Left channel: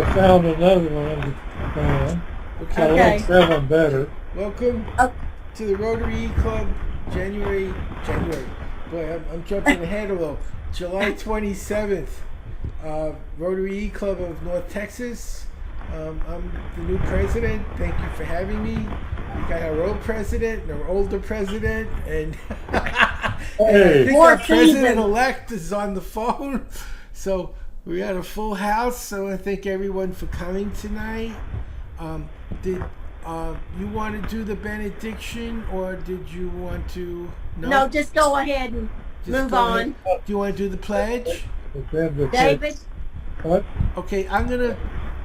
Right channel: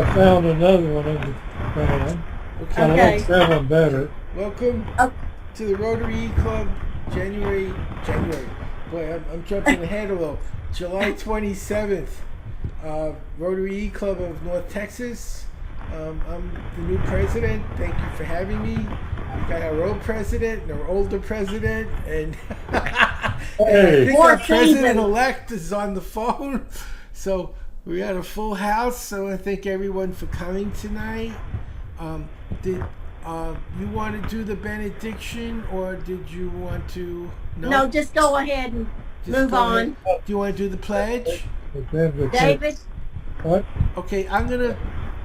I found another one in the fan. I Okay. like that one better. Welcome Oh, to the Rotary Club, January. Boy, I'm jumping ahead a little. July 27th, Rotary Club of North Texas. I'm the new president. Thank you for having me. We got our old president and our older president, and and I Hey, think Four our president seasons. elect is on the phone. So we got a full house. So I thank everyone for coming tonight. Did you want to do the benediction, or did you want to? no, just go ahead and Just move go ahead. on. Do you want to do the pledge? the benediction. David, What? Okay, I'm gonna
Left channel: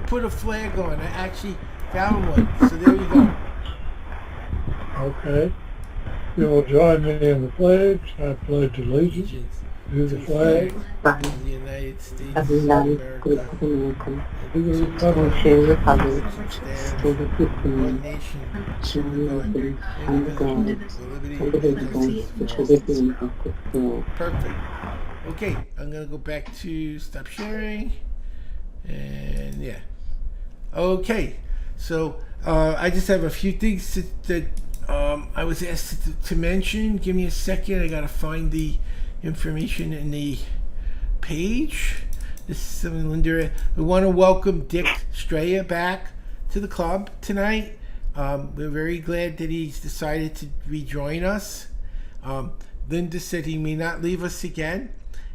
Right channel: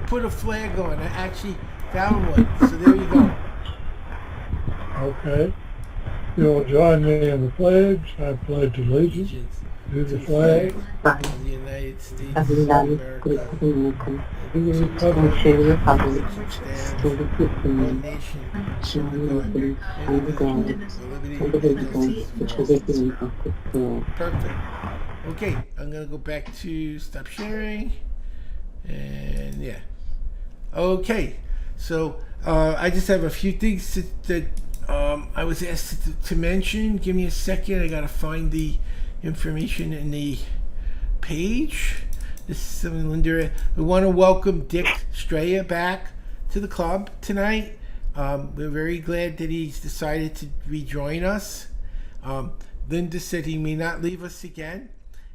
put a flag on. I actually found one, so there you go. Okay. You will join me in the pledge. I pledge allegiance Allegiance to to the the flag, flag of the United States of of the United States America, of America, to the and republic to the republic, which stands to the people, one nation under God, indivisible, with liberty and and indivisible, justice with for all. liberty and justice for all. Perfect. Okay, I'm gonna go back to stop sharing, and yeah. Okay, so I just have a few things that I was asked to mention. Give me a second. I gotta find the information in the page. This is something Linda. We want to welcome Dick Straya back to the club tonight. We're very glad that he's decided to rejoin us. Linda said he may not leave us again.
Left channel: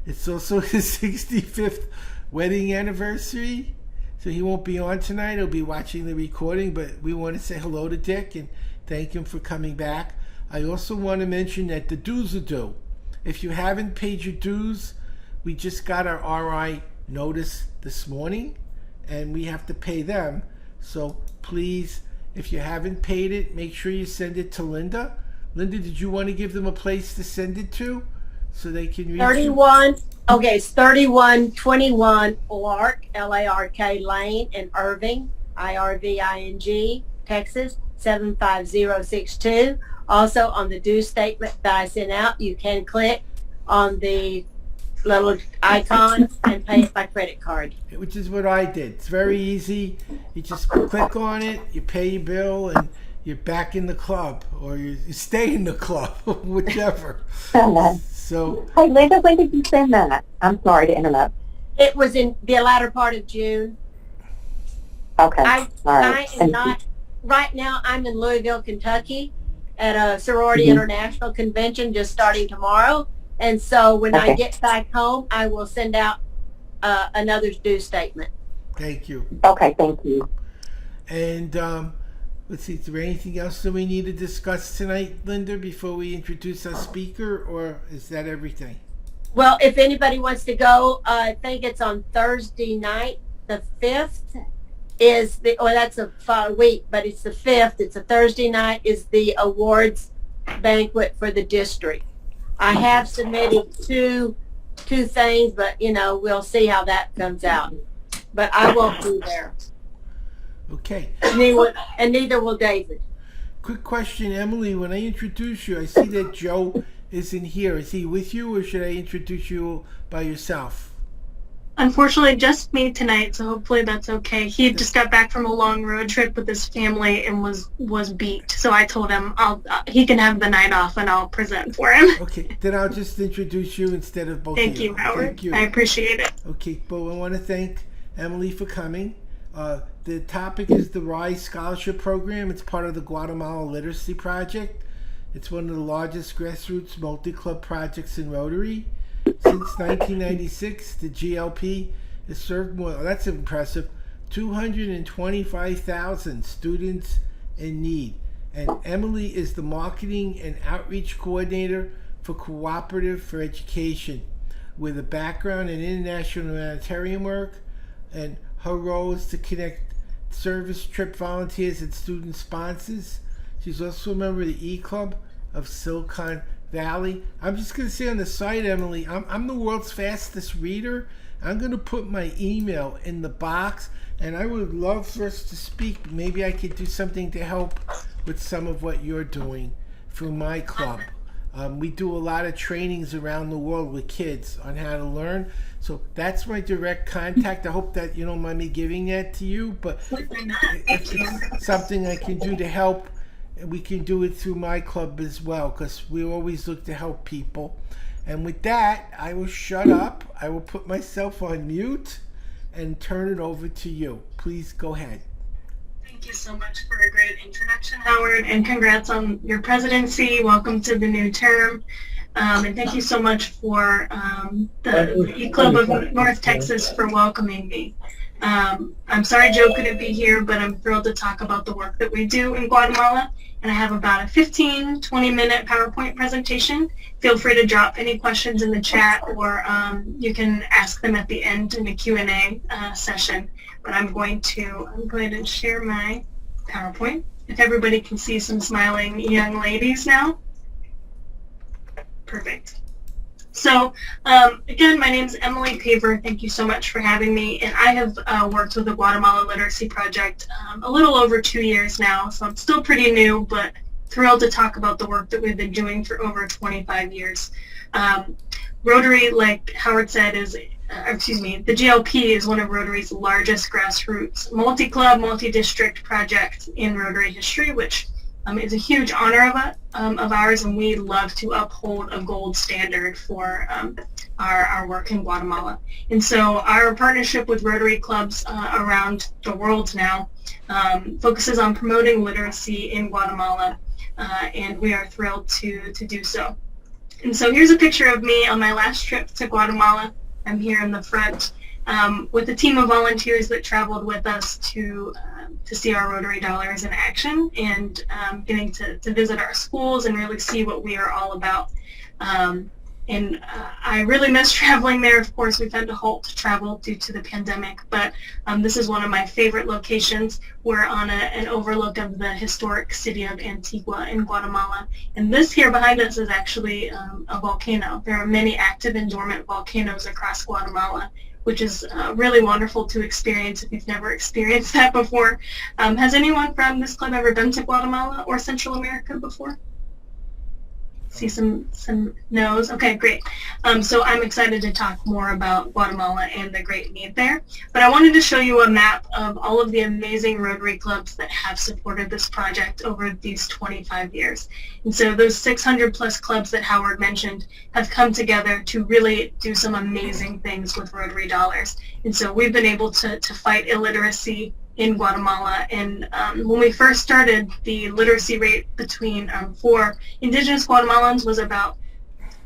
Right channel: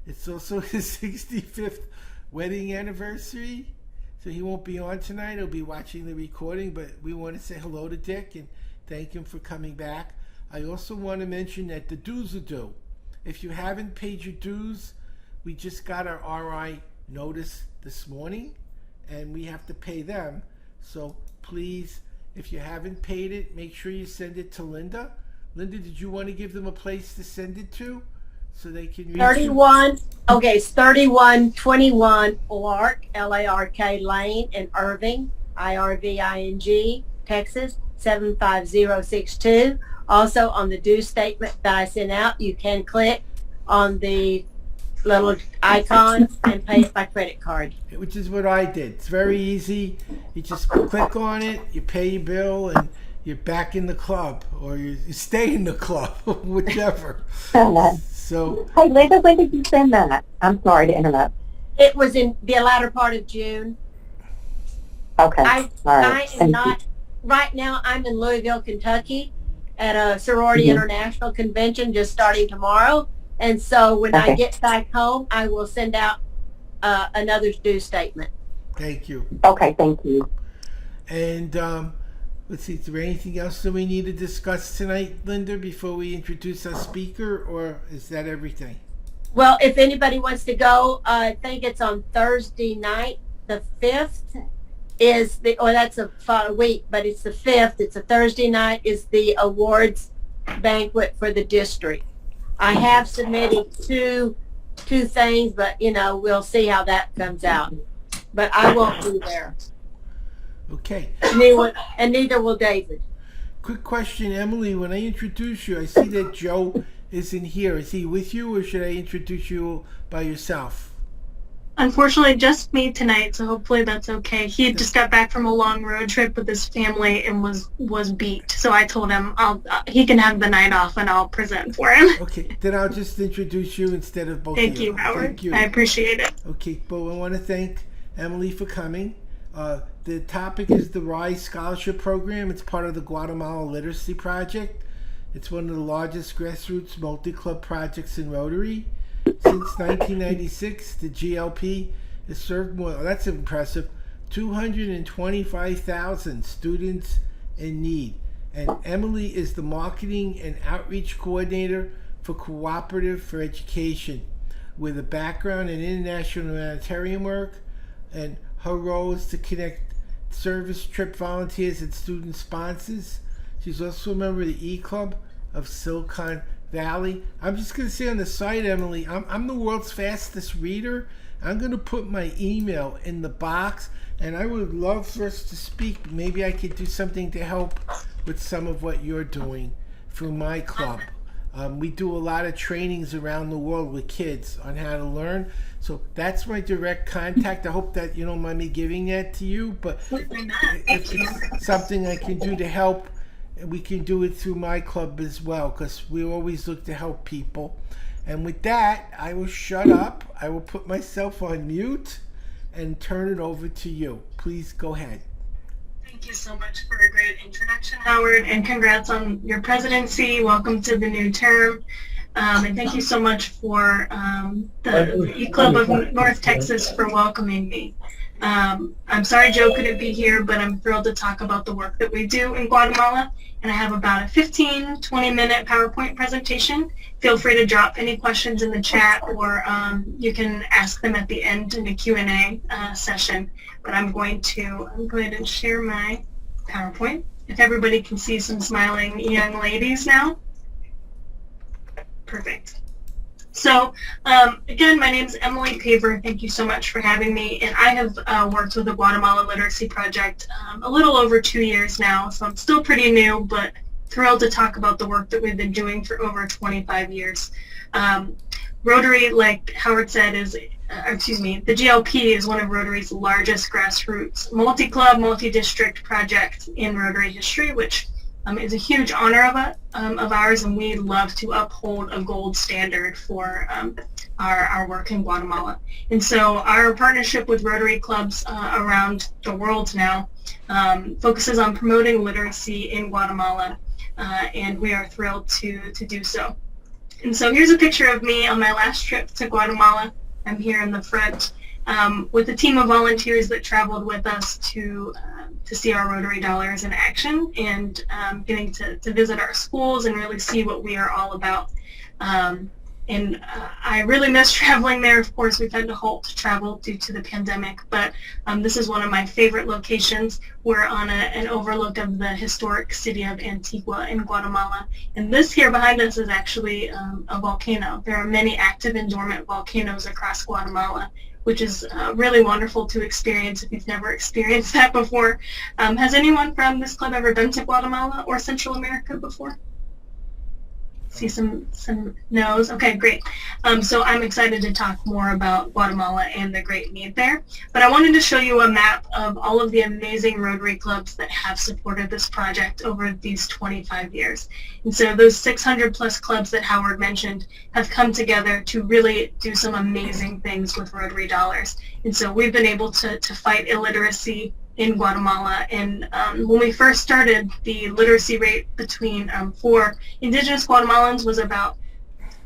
It's also his 65th wedding anniversary, so he won't be on tonight. He'll be watching the recording, but we want to say hello to Dick and thank him for coming back. I also want to mention that the dues are due. If you haven't paid your dues, we just got our RI notice this morning, and we have to pay them. So please, if you haven't paid it, make sure you send it to Linda. Linda, did you want to give them a place to send it to so they can reach you? 31. Okay, it's 3121 Lark, Lark Lane in Irving, Irving, Texas 75062. Also, on the due statement that I sent out, you can click on the little icons and pay it by credit card. Which is what I did. It's very easy. You just click on it, you pay your bill, and you're back in the club, or you stay in the club, whichever. So, Hey, Linda, when did you send that? I'm sorry to interrupt. It was in the latter part of June. Okay, I all right. am Thank you. not, right now I'm in Louisville, Kentucky at a sorority Mhm. international convention just starting tomorrow. And so when I Okay. get back home, I will send out another due statement. thank you. Okay, thank you. And let's see, is there anything else that we need to discuss tonight, Linda, before we introduce our speaker, or is that everything? Well, if anybody wants to go, I think it's on Thursday night, the 5th is the, or that's a week, but it's the 5th. It's a Thursday night is the awards banquet for the district. I have submitted two things, but you know, we'll see how that comes out. But I won't be there. Okay. Neither will David. Quick question, Emily. When I introduce you, I see that Joe isn't here. Is he with you, or should I introduce you by yourself? Unfortunately, just me tonight, so hopefully that's okay. He just got back from a long road trip with his family and was beat. So I told him he can have the night off and I'll present for him. Okay, then I'll just introduce you instead of both Thank of you. you, Howard. Thank you. I appreciate it. Okay, but I want to thank Emily for coming. The topic is the RISE Scholarship Program. It's part of the Guatemala Literacy Project. It's one of the largest grassroots multi-club projects in Rotary. Since 1996, the GLP has served more, that's impressive, 225,000 students in need. And Emily is the marketing and outreach coordinator for Cooperative for Education, with a background in international humanitarian work, and her role is to connect service trip volunteers and student sponsors. She's also a member of the E-Club of Silicon Valley. I'm just going to say on the site, Emily, I'm the world's fastest reader. I'm going to put my email in the box, and I would love for us to speak. Maybe I could do something to help with some of what you're doing through my club. We do a lot of trainings around the world with kids on how to learn. So that's my direct contact. I hope that you don't mind me giving that to you, but if it's something I can do to help, we can do it through my club as well, because we always look to help people. And with that, I will shut up. I will put myself on mute and turn it over to you. Please go ahead. Thank you so much for a great introduction, Howard, and congrats on your presidency. Welcome to the new term. And thank you so much for the E-Club of North Texas for welcoming me. I'm sorry Joe couldn't be here, but I'm thrilled to talk about the work that we do in Guatemala. And I have about a 15, 20-minute PowerPoint presentation. Feel free to drop any questions in the chat, or you can ask them at the end in a Q&A session. But I'm going to go ahead and share my PowerPoint. If everybody can see some smiling young ladies now. Perfect. So, again, my name is Emily Paver. Thank you so much for having me. And I have worked with the Guatemala Literacy Project a little over 2 years now, so I'm still pretty new, but thrilled to talk about the work that we've been doing for over 25 years. Rotary, like Howard said, the GLP is one of Rotary's largest grassroots multi-club, multi-district project in Rotary history, which is a huge honor of ours, and we love to uphold a gold standard for our work in Guatemala. And so our partnership with Rotary clubs around the world now focuses on promoting literacy in Guatemala, and we are thrilled to do so. And so here's a picture of me on my last trip to Guatemala. I'm here in the front with a team of volunteers that traveled with us to see our Rotary Dollars in action, and getting to visit our schools and really see what we are all about. I really miss traveling there. Of course, we've had to halt travel due to the pandemic, but this is one of my favorite locations. We're on an overlook of the historic city of Antigua in Guatemala. And this here behind us is actually a volcano. There are many active and dormant volcanoes across Guatemala, which is really wonderful to experience if you've never experienced that before. Has anyone from this club ever been to Guatemala or Central America before? See some no's. Okay, great. So I'm excited to talk more about Guatemala and the great need there. But I wanted to show you a map of all of the amazing Rotary clubs that have supported this project over these 25 years. And so those 600 plus clubs that Howard mentioned have come together to really do some amazing things with Rotary Dollars. And so we've been able to fight illiteracy in Guatemala, and when we first started, the literacy rate for indigenous Guatemalans was about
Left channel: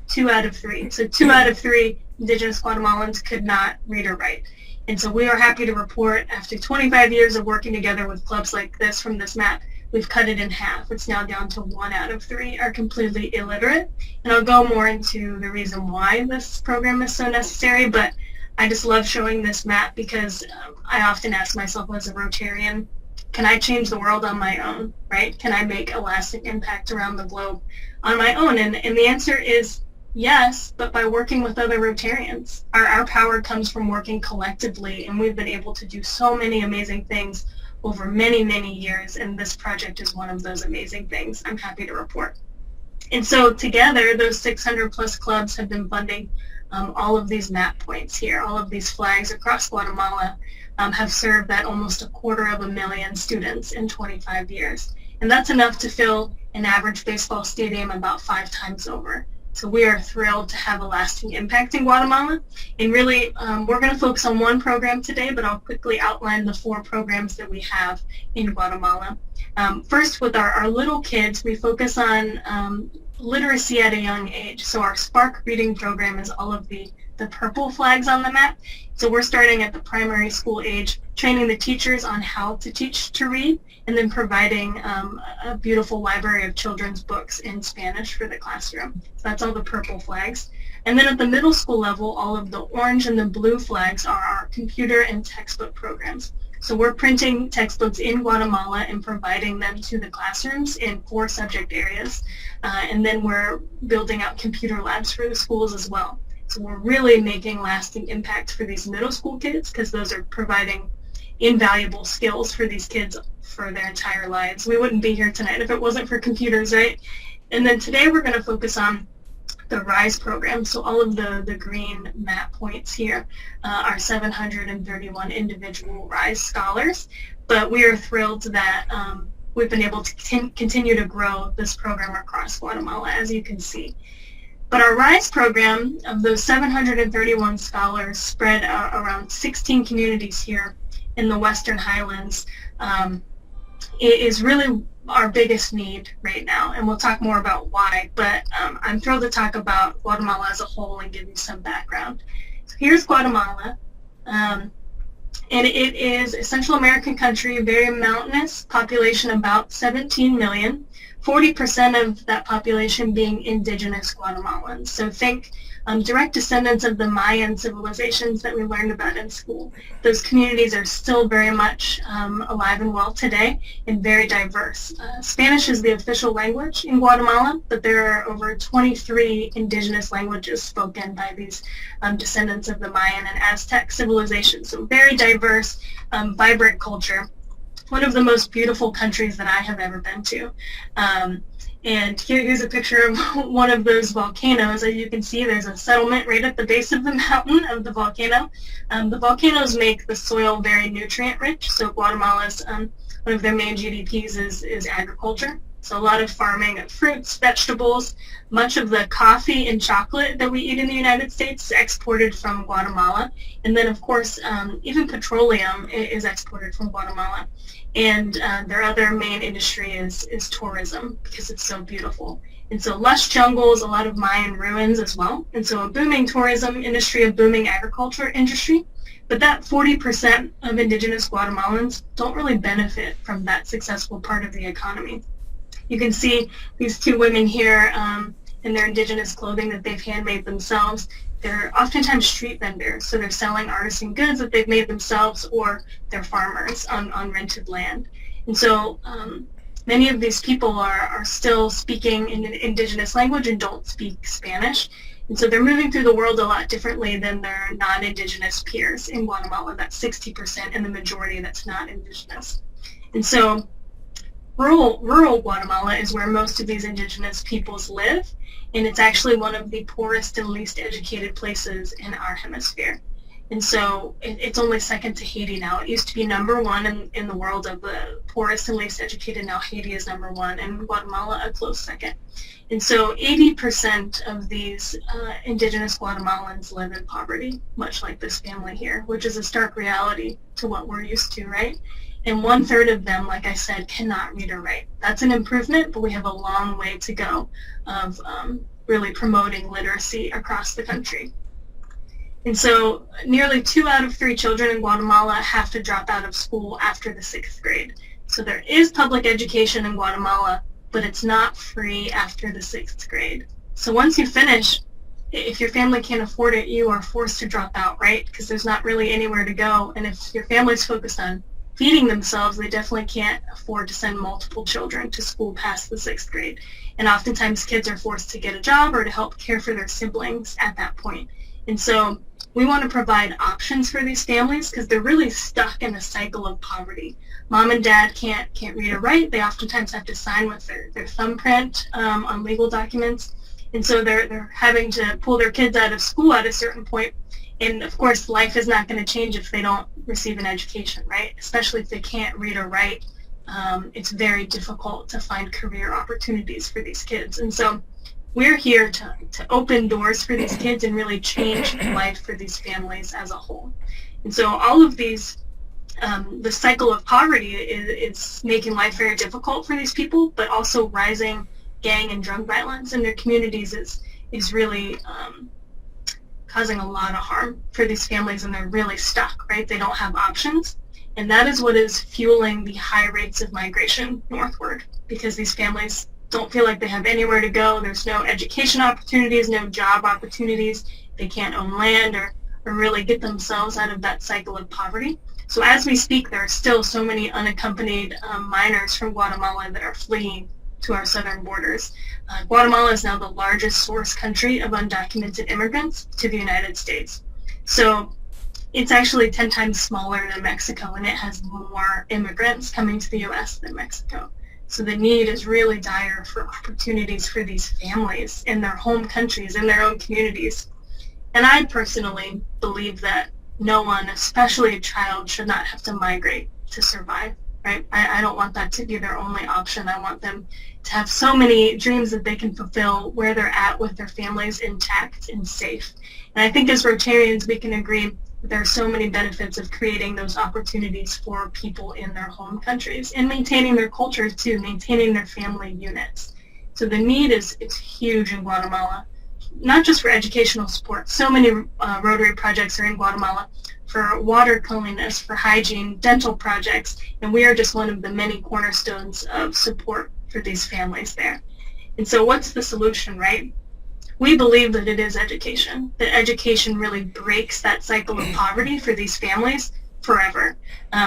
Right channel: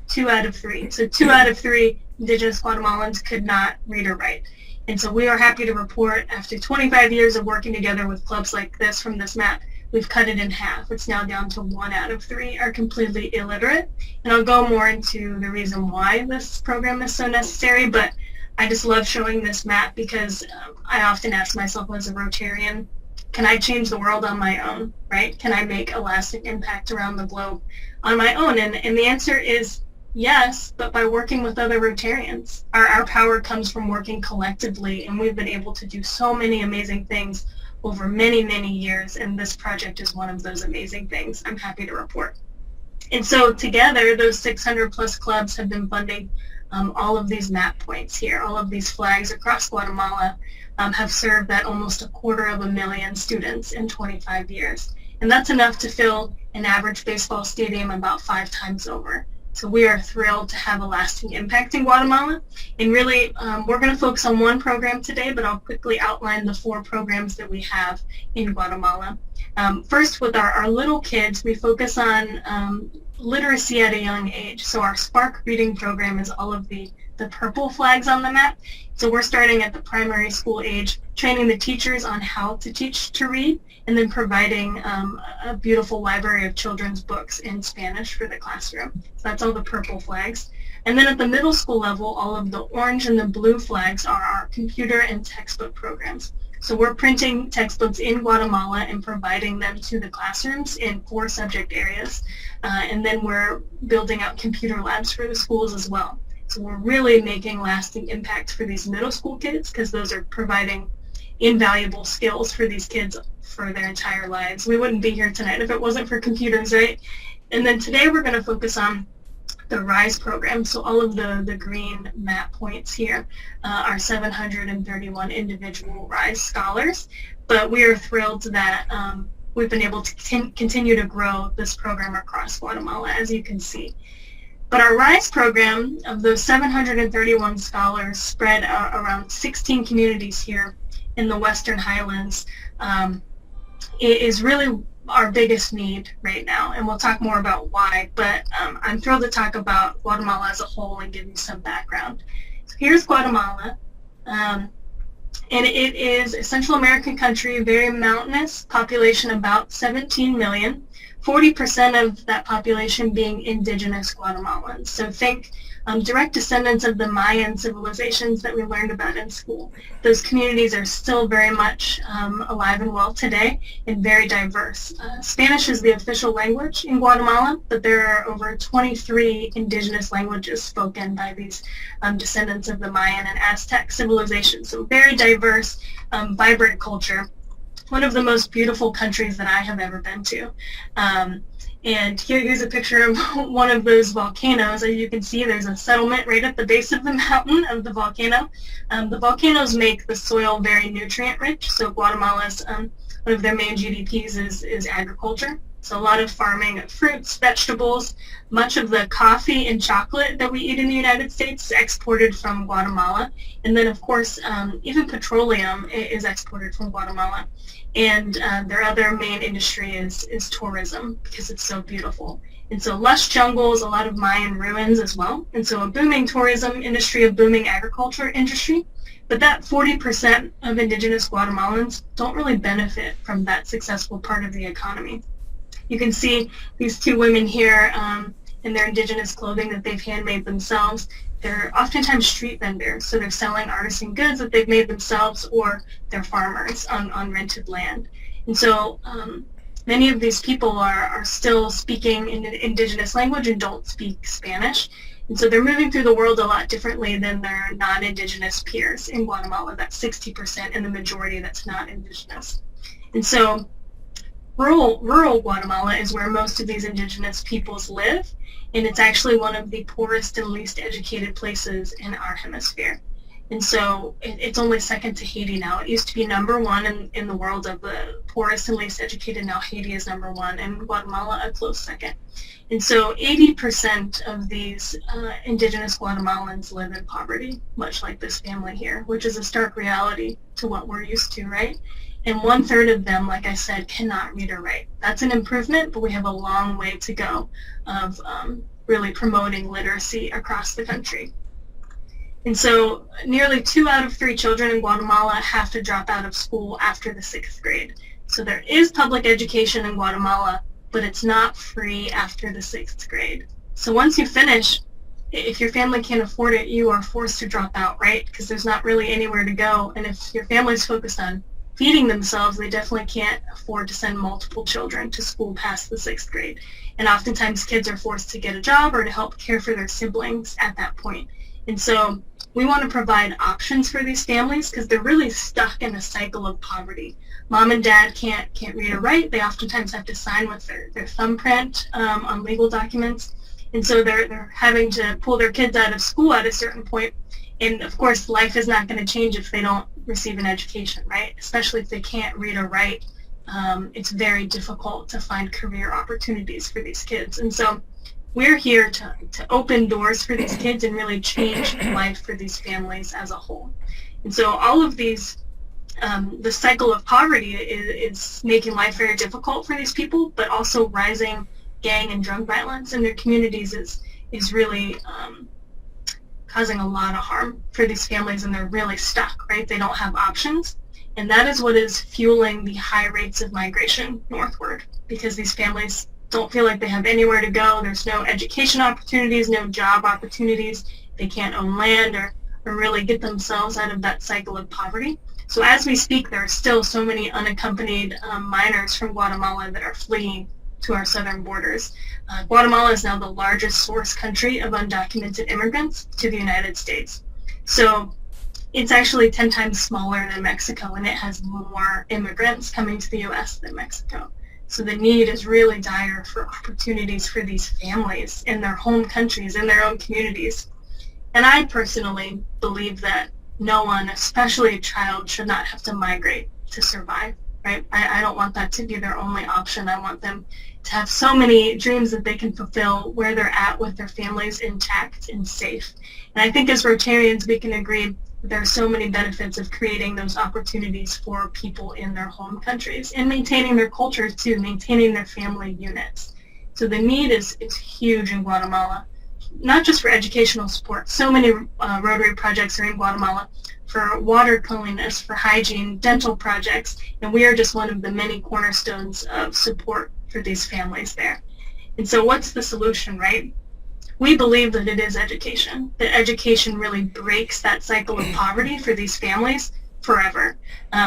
2 out of 3. So 2 out of 3 indigenous Guatemalans could not read or write. And so we are happy to report, after 25 years of working together with clubs like this from this map, we've cut it in half. It's now down to 1 out of 3 are completely illiterate. And I'll go more into the reason why this program is so necessary, but I just love showing this map because I often ask myself as a Rotarian, can I change the world on my own, right? Can I make a lasting impact around the globe on my own? And the answer is yes, but by working with other Rotarians. Our power comes from working collectively, and we've been able to do so many amazing things over many, many years, and this project is one of those amazing things, I'm happy to report. And so together, those 600 plus clubs have been funding all of these map points here. All of these flags across Guatemala have served that almost 250,000 students in 25 years. And that's enough to fill an average baseball stadium about 5 times over. So we are thrilled to have a lasting impact in Guatemala. And really, we're going to focus on one program today, but I'll quickly outline the 4 programs that we have in Guatemala. First, with our little kids, we focus on literacy at a young age. So our Spark reading program is all of the purple flags on the map. So we're starting at the primary school age, training the teachers on how to teach to read, and then providing a beautiful library of children's books in Spanish for the classroom. So that's all the purple flags. And then at the middle school level, all of the orange and the blue flags are our computer and textbook programs. So we're printing textbooks in Guatemala and providing them to the classrooms in 4 subject areas. And then we're building out computer labs for the schools as well. So we're really making lasting impact for these middle school kids, because those are providing invaluable skills for these kids for their entire lives. We wouldn't be here tonight if it wasn't for computers, right? And then today we're going to focus on the RISE program. So all of the green map points here are 731 individual RISE scholars. But we are thrilled that we've been able to continue to grow this program across Guatemala, as you can see. But our RISE program, of those 731 scholars spread around 16 communities here in the Western Highlands, it is really our biggest need right now, and we'll talk more about why, but I'm thrilled to talk about Guatemala as a whole and give you some background. So here's Guatemala, and it is a Central American country, very mountainous, population about 17 million, 40% of that population being indigenous Guatemalans. So think direct descendants of the Mayan civilizations that we learned about in school. Those communities are still very much alive and well today and very diverse. Spanish is the official language in Guatemala, but there are over 23 indigenous languages spoken by these descendants of the Mayan and Aztec civilizations. So very diverse, vibrant culture. One of the most beautiful countries that I have ever been to. And here's a picture of one of those volcanoes. As you can see, there's a settlement right at the base of the mountain of the volcano. The volcanoes make the soil very nutrient rich, so Guatemala's, one of their main GDPs is agriculture. So a lot of farming of fruits, vegetables. Much of the coffee and chocolate that we eat in the United States is exported from Guatemala. And then, of course, even petroleum is exported from Guatemala. And their other main industry is tourism, because it's so beautiful. And so lush jungles, a lot of Mayan ruins as well. And so a booming tourism industry, a booming agriculture industry. But that 40% of indigenous Guatemalans don't really benefit from that successful part of the economy. You can see these two women here in their indigenous clothing that they've handmade themselves. They're oftentimes street vendors, so they're selling artisan goods that they've made themselves, or they're farmers on rented land. And so many of these people are still speaking in an indigenous language and don't speak Spanish. And so they're moving through the world a lot differently than their non-indigenous peers in Guatemala. That's 60%, and the majority that's not indigenous. And so rural Guatemala is where most of these indigenous peoples live, and it's actually one of the poorest and least educated places in our hemisphere. And so it's only second to Haiti now. It used to be number one in the world of the poorest and least educated. Now Haiti is number one, and Guatemala a close second. And so 80% of these indigenous Guatemalans live in poverty, much like this family here, which is a stark reality to what we're used to, right? And 1/3 of them, like I said, cannot read or write. That's an improvement, but we have a long way to go of really promoting literacy across the country. And so nearly 2 out of 3 children in Guatemala have to drop out of school after the 6th grade. So there is public education in Guatemala, but it's not free after the 6th grade. So once you finish, if your family can't afford it, you are forced to drop out, right? Because there's not really anywhere to go. And if your family's focused on feeding themselves, they definitely can't afford to send multiple children to school past the 6th grade. And oftentimes kids are forced to get a job or to help care for their siblings at that point. And so we want to provide options for these families because they're really stuck in a cycle of poverty. Mom and dad can't read or write. They oftentimes have to sign with their thumbprint on legal documents. And so they're having to pull their kids out of school at a certain point. And of course, life is not going to change if they don't receive an education, right? Especially if they can't read or write. It's very difficult to find career opportunities for these kids. And so we're here to open doors for these kids and really change life for these families as a whole. And so all of these, the cycle of poverty is making life very difficult for these people, but also rising gang and drug violence in their communities is really causing a lot of harm for these families, and they're really stuck, right? They don't have options. And that is what is fueling the high rates of migration northward, because these families don't feel like they have anywhere to go. There's no education opportunities, no job opportunities. They can't own land or really get themselves out of that cycle of poverty. So as we speak, there are still so many unaccompanied minors from Guatemala that are fleeing to our southern borders. Guatemala is now the largest source country of undocumented immigrants to the United States. So it's actually 10 times smaller than Mexico, and it has more immigrants coming to the U.S. than Mexico. So the need is really dire for opportunities for these families in their home countries, in their own communities. And I personally believe that no one, especially a child, should not have to migrate to survive, right? I don't want that to be their only option. I want them to have so many dreams that they can fulfill where they're at with their families intact and safe. And I think as Rotarians, we can agree that there are so many benefits of creating those opportunities for people in their home countries and maintaining their culture too, maintaining their family units. So the need is huge in Guatemala, not just for educational support. So many Rotary projects are in Guatemala for water cleanliness, for hygiene, dental projects, and we are just one of the many cornerstones of support for these families there. And so what's the solution, right? We believe that it is education, that education really breaks that cycle of poverty for these families forever.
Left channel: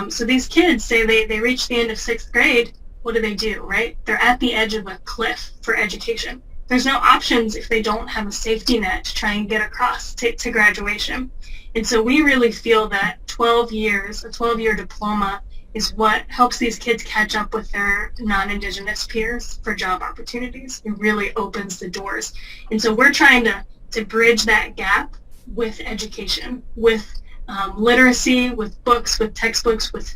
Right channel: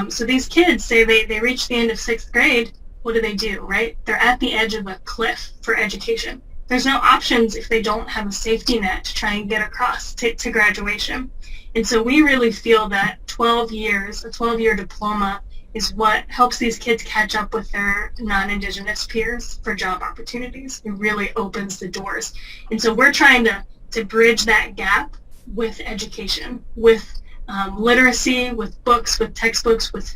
So these kids, say they reach the end of 6th grade, what do, right? They're at the edge of a cliff for education. There's no options if they don't have a safety net to try and get across to graduation. And so we really feel that 12 years, a 12-year diploma, is what helps these kids catch up with their non-Indigenous peers for job opportunities. It really opens the doors. And so we're trying to bridge that gap with education, with literacy, with books, with textbooks, with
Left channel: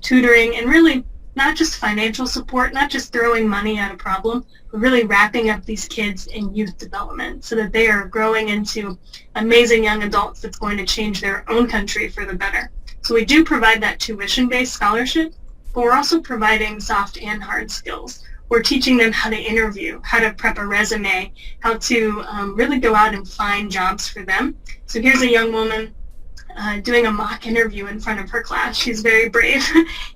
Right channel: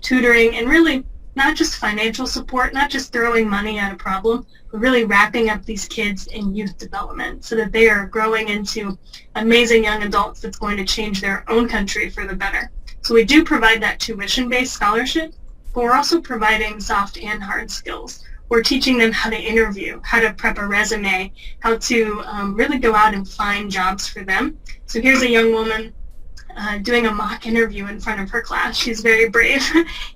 tutoring, and really not just financial support, not just throwing money at a problem, but really wrapping up these kids in youth development so that they are growing into amazing young adults that's going to change their own country for the better. So we do provide that tuition-based scholarship, but we're also providing soft and hard skills. We're teaching them how to interview, how to prep a resume, how to really go out and find jobs for them. So here's a young woman doing a mock interview in front of her class. She's very brave.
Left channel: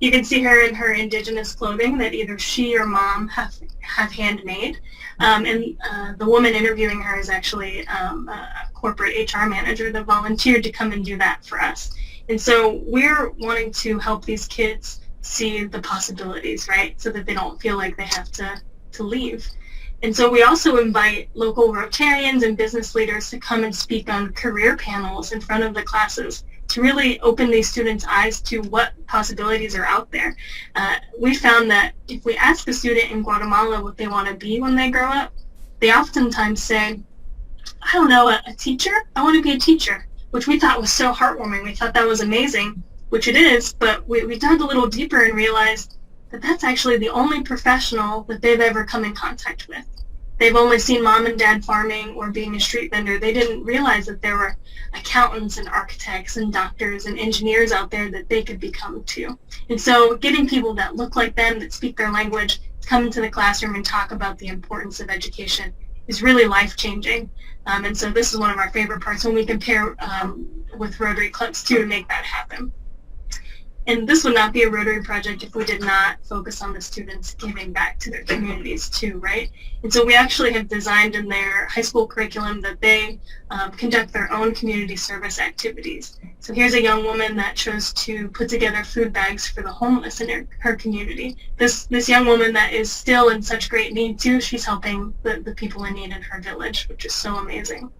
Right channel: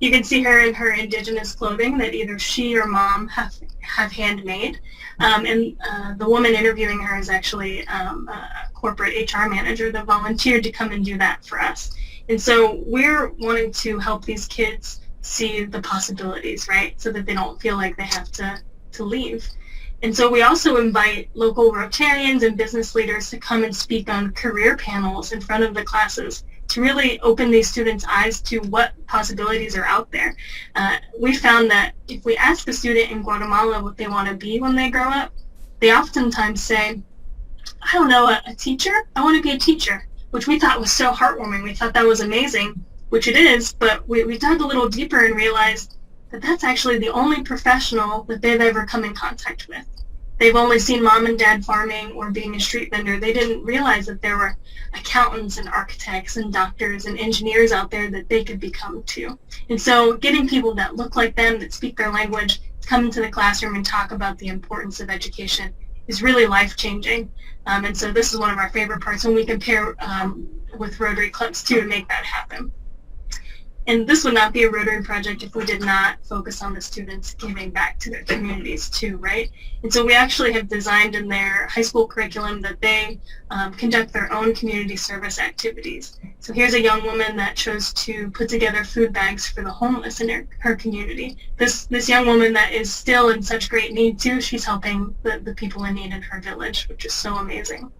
You can see her in her Indigenous clothing that either she or mom have handmade. And the woman interviewing her is actually a corporate HR manager that volunteered to come and do that for us. And so we're wanting to help these kids see the possibilities, right? So that they don't feel like they have to leave. And so we also invite local Rotarians and business leaders to come and speak on career panels in front of the classes to really open these students' eyes to what possibilities are out there. We found that if we ask a student in Guatemala what they want to be when they grow up, they oftentimes say, I don't know, a teacher? I want to be a teacher, which we thought was so heartwarming. We thought that was amazing, which it is, but we dug a little deeper and realized that that's actually the only professional that they've ever come in contact with. They've only seen mom and dad farming or being a street vendor. They didn't realize that there were accountants and architects and doctors and engineers out there that they could become too. And so getting people that look like them, that speak their language, to come into the classroom and talk about the importance of education is really life-changing. And so this is one of our favorite parts when we compare with Rotary clubs too to make that happen. And this would not be a Rotary project if we did not focus on the students giving back to their communities too, right? And so we actually have designed in their high school curriculum that they conduct their own community service activities. So here's a young woman that chose to put together food bags for the homeless in her community. This young woman that is still in such great need too, she's helping the people in need in her village, which is so amazing.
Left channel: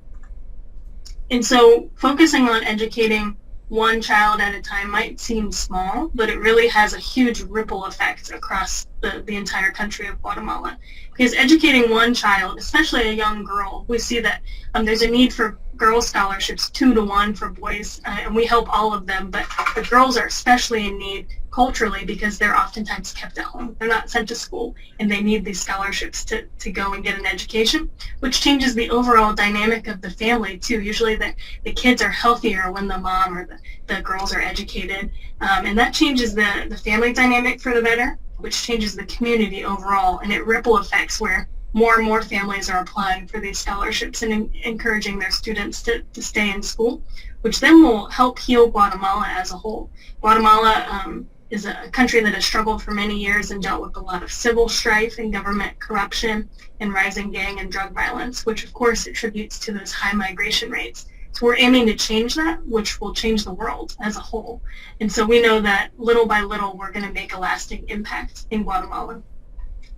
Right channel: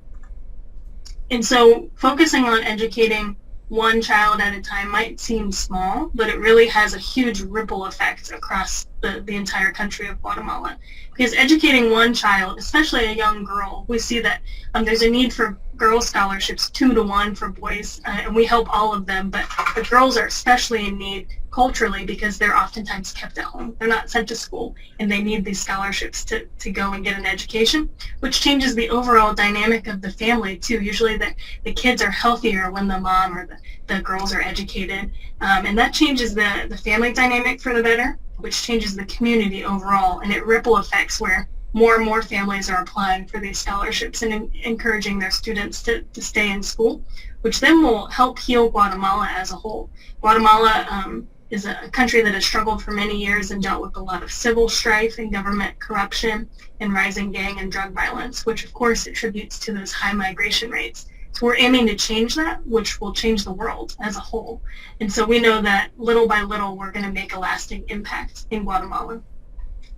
And so focusing on educating one child at a time might seem small, but it really has a huge ripple effect across the entire country of Guatemala. Because educating one child, especially a young girl, we see that there's a need for girl scholarships 2-to-1 for boys, and we help all of them, but the girls are especially in need culturally because they're oftentimes kept at home. They're not sent to school, and they need these scholarships to go and get an education, which changes the overall dynamic of the family too. Usually the kids are healthier when the mom or the girls are educated, and that changes the family dynamic for the better, which changes the community overall, and it ripple effects where more and more families are applying for these scholarships and encouraging their students to stay in school, which then will help heal Guatemala as a whole. Guatemala is a country that has struggled for many years and dealt with a lot of civil strife and government corruption and rising gang and drug violence, which of course attributes to those high migration rates. So we're aiming to change that, which will change the world as a whole. And so we know that little by little we're going to make a lasting impact in Guatemala.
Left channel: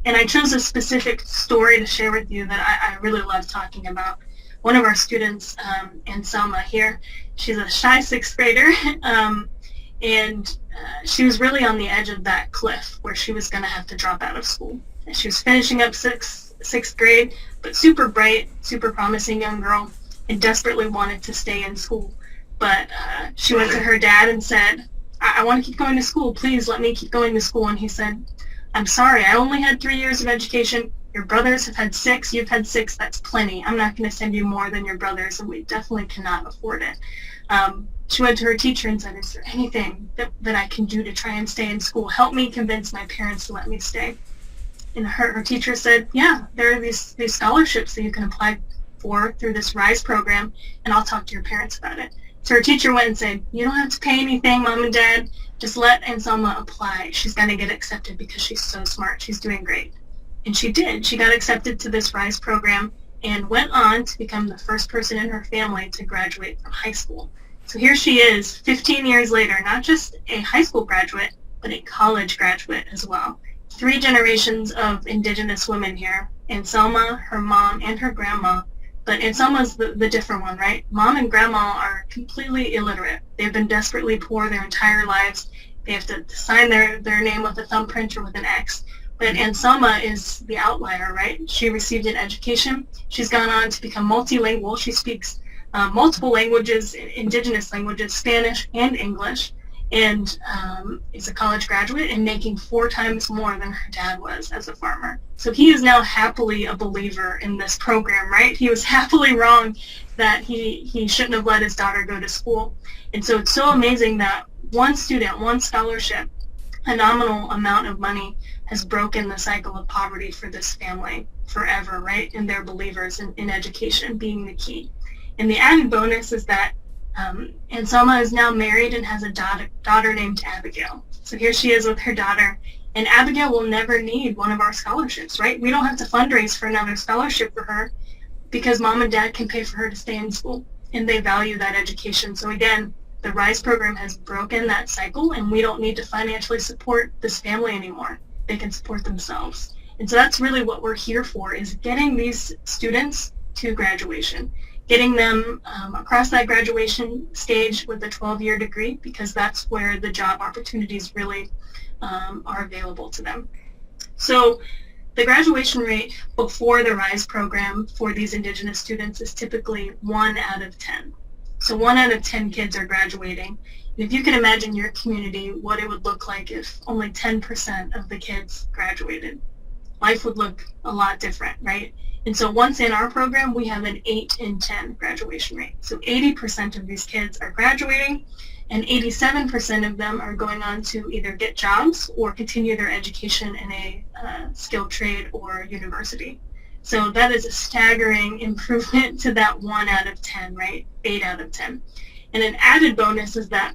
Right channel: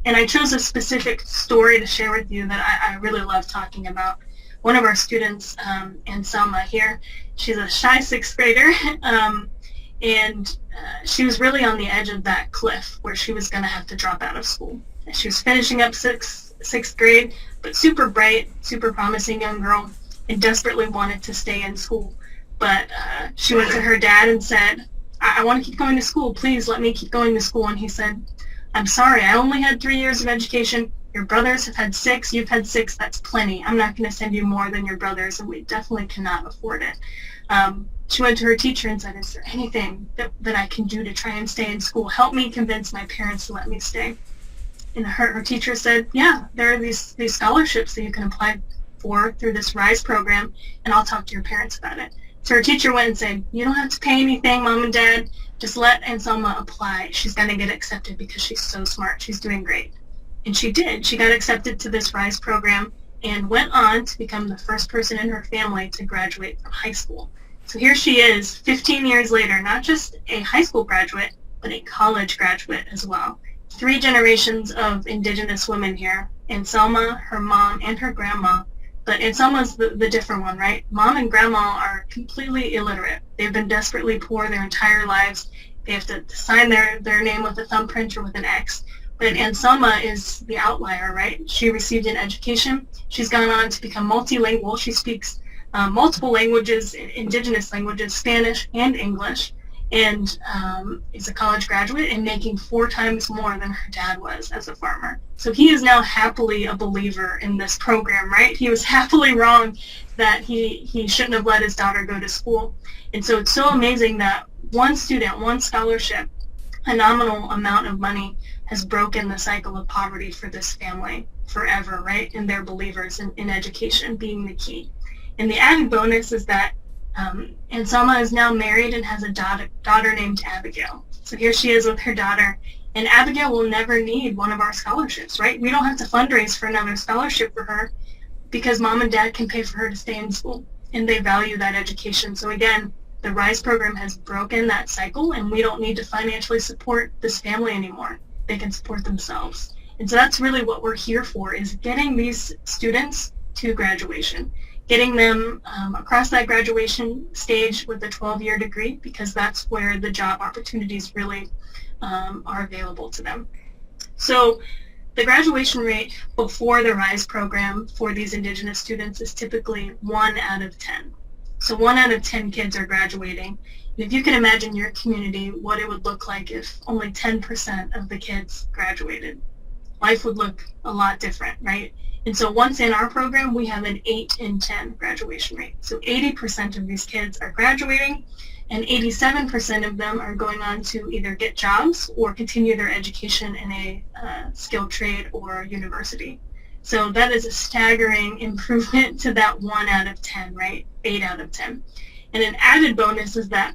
And I chose a specific story to share with you that I really love talking about. One of our students, Anselma here, she's a shy 6th grader, and she was really on the edge of that cliff where she was going to have to drop out of school. And she was finishing up sixth grade, but super bright, super promising young girl, and desperately wanted to stay in school. But she went to her dad and said, I want to keep going to school. Please let me keep going to school. And he said, I'm sorry, I only had 3 years of education. Your brothers have had 6. You've had 6. That's plenty. I'm not going to send you more than your brothers, and we definitely cannot afford it. She went to her teacher and said, is there anything that I can do to try and stay in school? Help me convince my parents to let me stay. And her teacher said, yeah, there are these scholarships that you can apply for through this RISE program, and I'll talk to your parents about it. So her teacher went and said, you don't have to pay anything, Mom and Dad. Just let Anselma apply. She's going to get accepted because she's so smart. She's doing great. And she did. She got accepted to this RISE program and went on to become the first person in her family to graduate from high school. So here she is, 15 years later, not just a high school graduate, but a college graduate as well. 3 generations of Indigenous women here. Anselma, her mom, and her grandma. But Anselma's the different one, right? Mom and grandma are completely illiterate. They've been desperately poor their entire lives. They have to sign their name with a thumbprint or with an X. But Anselma is the outlier, right? She received an education. She's gone on to become multilingual. She speaks multiple languages, Indigenous languages, Spanish and English, and is a college graduate and making 4 times more than her dad was as a farmer. So he is now happily a believer in this program, right? He was happily wrong that he shouldn't have let his daughter go to school. And so it's so amazing that one student, one scholarship, a nominal amount of money has broken the cycle of poverty for this family forever, right? And they're believers in education being the key. And the added bonus is that Anselma is now married and has a daughter named Abigail. So here she is with her daughter, and Abigail will never need one of our scholarships, right? We don't have to fundraise for another scholarship for her because Mom and Dad can pay for her to stay in school, and they value that education. So again, the RISE program has broken that cycle, and we don't need to financially support this family anymore. They can support themselves. And so that's really what we're here for, is getting these students to graduation, getting them across that graduation stage with a 12-year degree, because that's where the job opportunities really are available to them. So the graduation rate before the RISE program for these Indigenous students is typically 1 out of 10. So 1 out of 10 kids are graduating. And if you can imagine your community, what it would look like if only 10% of the kids graduated, life would look a lot different, right? And so once in our program, we have an 8 in 10 graduation rate. So 80% of these kids are graduating, and 87% of them are going on to either get jobs or continue their education in a skilled trade or university. So that is a staggering improvement to that 1 out of 10, right? 8 out of 10. And an added bonus is that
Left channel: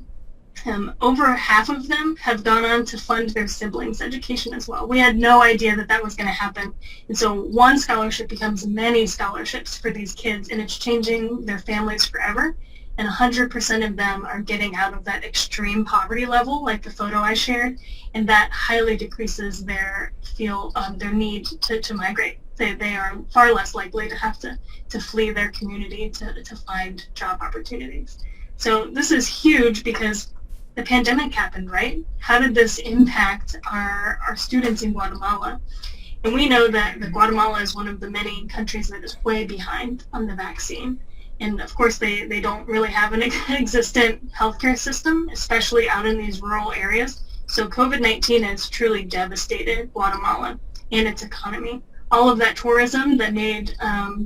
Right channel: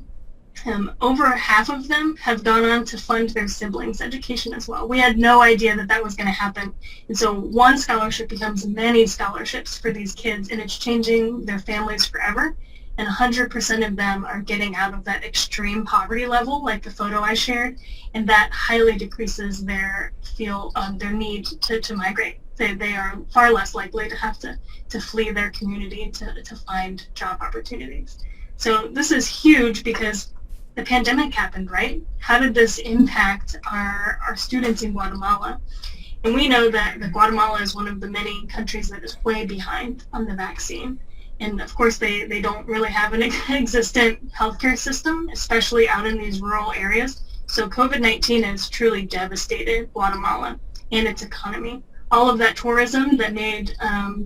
over half of them have gone on to fund their siblings' education as well. We had no idea that that was going to happen. And so one scholarship becomes many scholarships for these kids, and it's changing their families forever. And 100% of them are getting out of that extreme poverty level, like the photo I shared, and that highly decreases their need to migrate. They are far less likely to have to flee their community to find job opportunities. So this is huge because the pandemic happened, right? How did this impact our students in Guatemala? And we know that Guatemala is one of the many countries that is way behind on the vaccine. And of course, they don't really have an existent healthcare system, especially out in these rural areas. So COVID-19 has truly devastated Guatemala and its economy. All of that tourism that made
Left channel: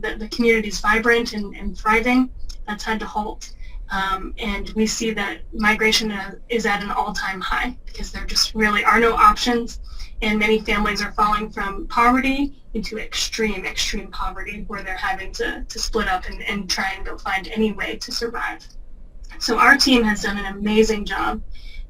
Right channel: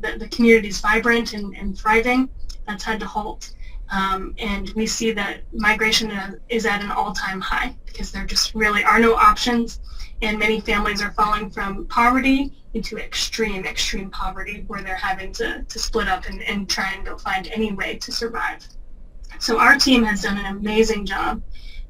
the communities vibrant and thriving, that's had to halt. And we see that migration is at an all-time high because there just really are no options, and many families are falling from poverty into extreme poverty, where they're having to split up and try and go find any way to survive. So our team has done an amazing job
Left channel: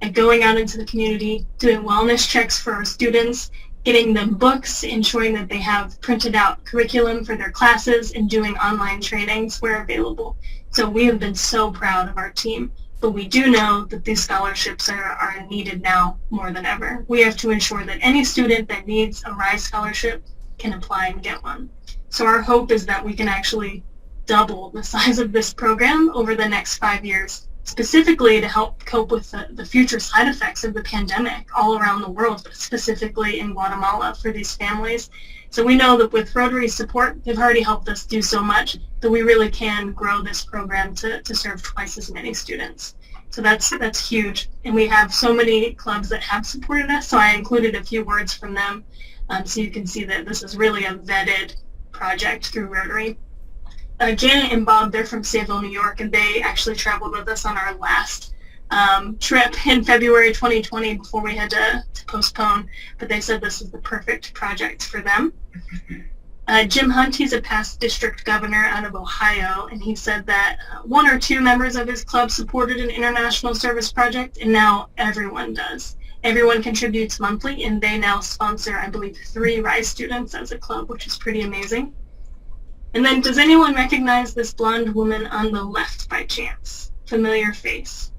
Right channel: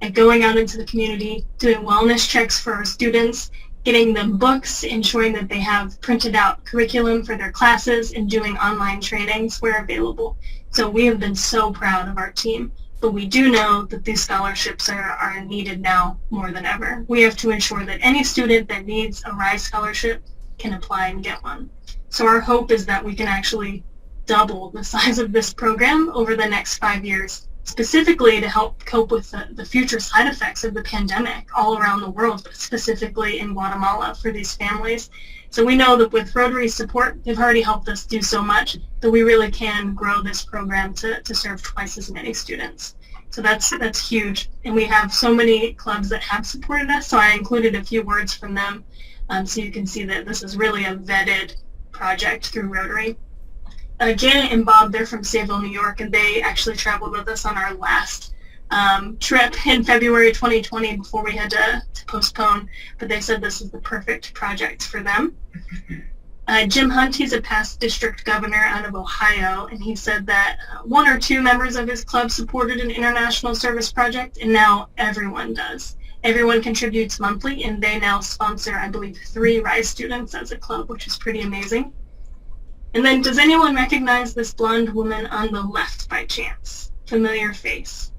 at going out into the community, doing wellness checks for our students, getting them books, ensuring that they have printed out curriculum for their classes, and doing online trainings where available. So we have been so proud of our team, but we do know that these scholarships are needed now more than ever. We have to ensure that any student that needs a RISE scholarship can apply and get one. So our hope is that we can actually double the size of this program over the next 5 years specifically to help cope with the future side effects of the pandemic all around the world, but specifically in Guatemala for these families. So we know that with Rotary's support, they've already helped us do so much that we really can grow this program to serve twice as many students. So that's huge. And we have so many clubs that have supported us, so I included a few words from them so you can see that this is really a vetted project through Rotary. Janet and Bob, they're from Sayville, New York, and they actually traveled with us on our last trip in February 2020 before we had to postpone, but they said this is the perfect project for them. Jim Hunt, he's a past district governor out of Ohio, and he said that one or two members of his club supported an international service project, and now everyone does. Everyone contributes monthly, and they now sponsor, I believe, 3 RISE students as a club, which is pretty amazing. And then, does anyone recognize this blonde woman on the left by chance? Familiar face.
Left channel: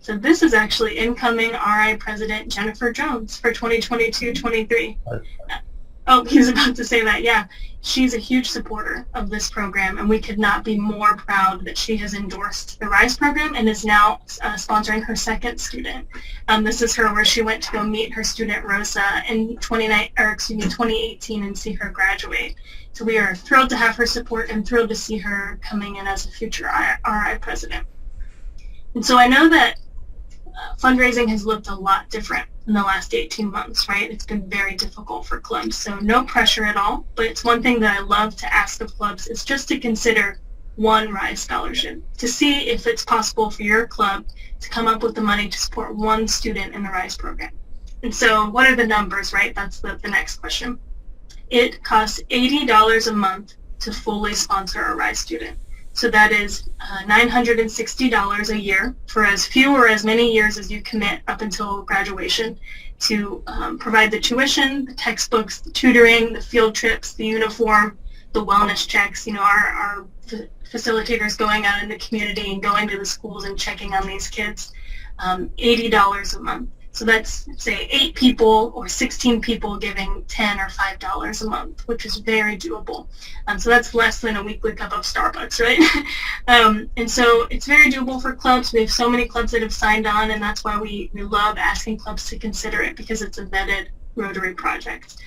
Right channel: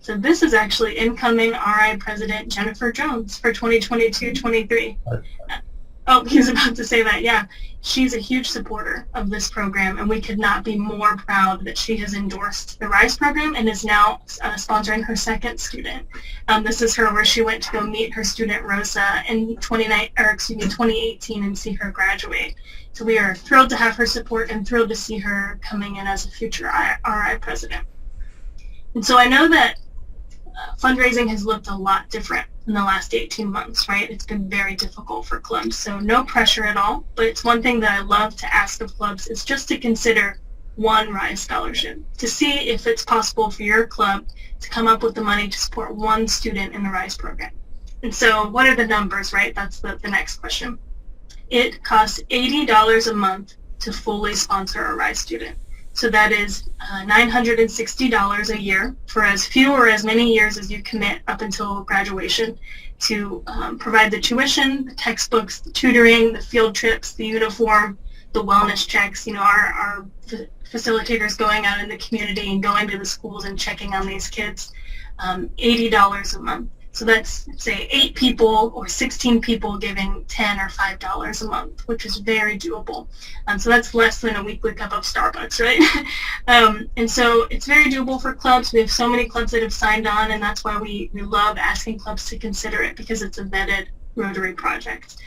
So this is actually incoming RI President Jennifer Jones for 2022-23. Oh, he was about to say that, yeah. She's a huge supporter of this program, and we could not be more proud that she has endorsed the RISE program and is now sponsoring her second student. This is her where she went to go meet her student Rosa in 2018 and see her graduate. So we are thrilled to have her support and thrilled to see her coming in as a future RI president. And so I know that fundraising has looked a lot different in the last 18 months, right? It's been very difficult for clubs, so no pressure at all. But it's one thing that I love to ask of clubs is just to consider one RISE scholarship, to see if it's possible for your club to come up with the money to support one student in the RISE program. And so what are the numbers, right? That's the next question. It costs $80 a month to fully sponsor a RISE student. So that is $960 a year for as few or as many years as you commit up until graduation to provide the tuition, the textbooks, the tutoring, the field trips, the uniform, the wellness checks, our facilitators going out in the community and going to the schools and checking on these kids, $80 a month. So that's, say, 8 people or 16 people giving $10 or $5 a month, which is very doable. So that's less than a weekly cup of Starbucks, right? And so it's very doable for clubs. We have so many clubs that have signed on, and that's why we love asking clubs to consider it, because it's a vetted Rotary project.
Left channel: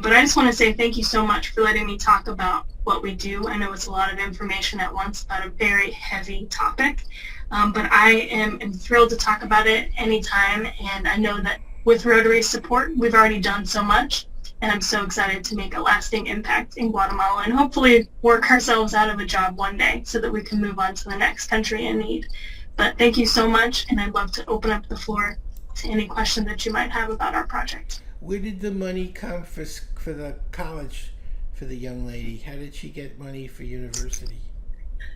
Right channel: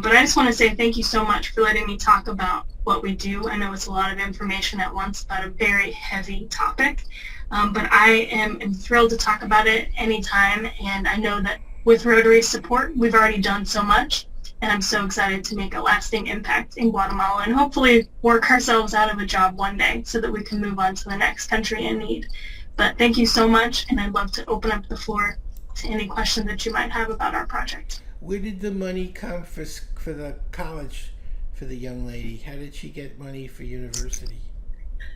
But I just want to say thank you so much for letting me talk about what we do. I know it's a lot of information at once about a very heavy topic. But I am thrilled to talk about it anytime, and I know that with Rotary's support, we've already done so much, and I'm so excited to make a lasting impact in Guatemala and hopefully work ourselves out of a job one day so that we can move on to the next country in need. But thank you so much, and I'd love to open up the floor to any questions that you might have about our project. Where did the money come for the college for the young lady? How did she get money for university?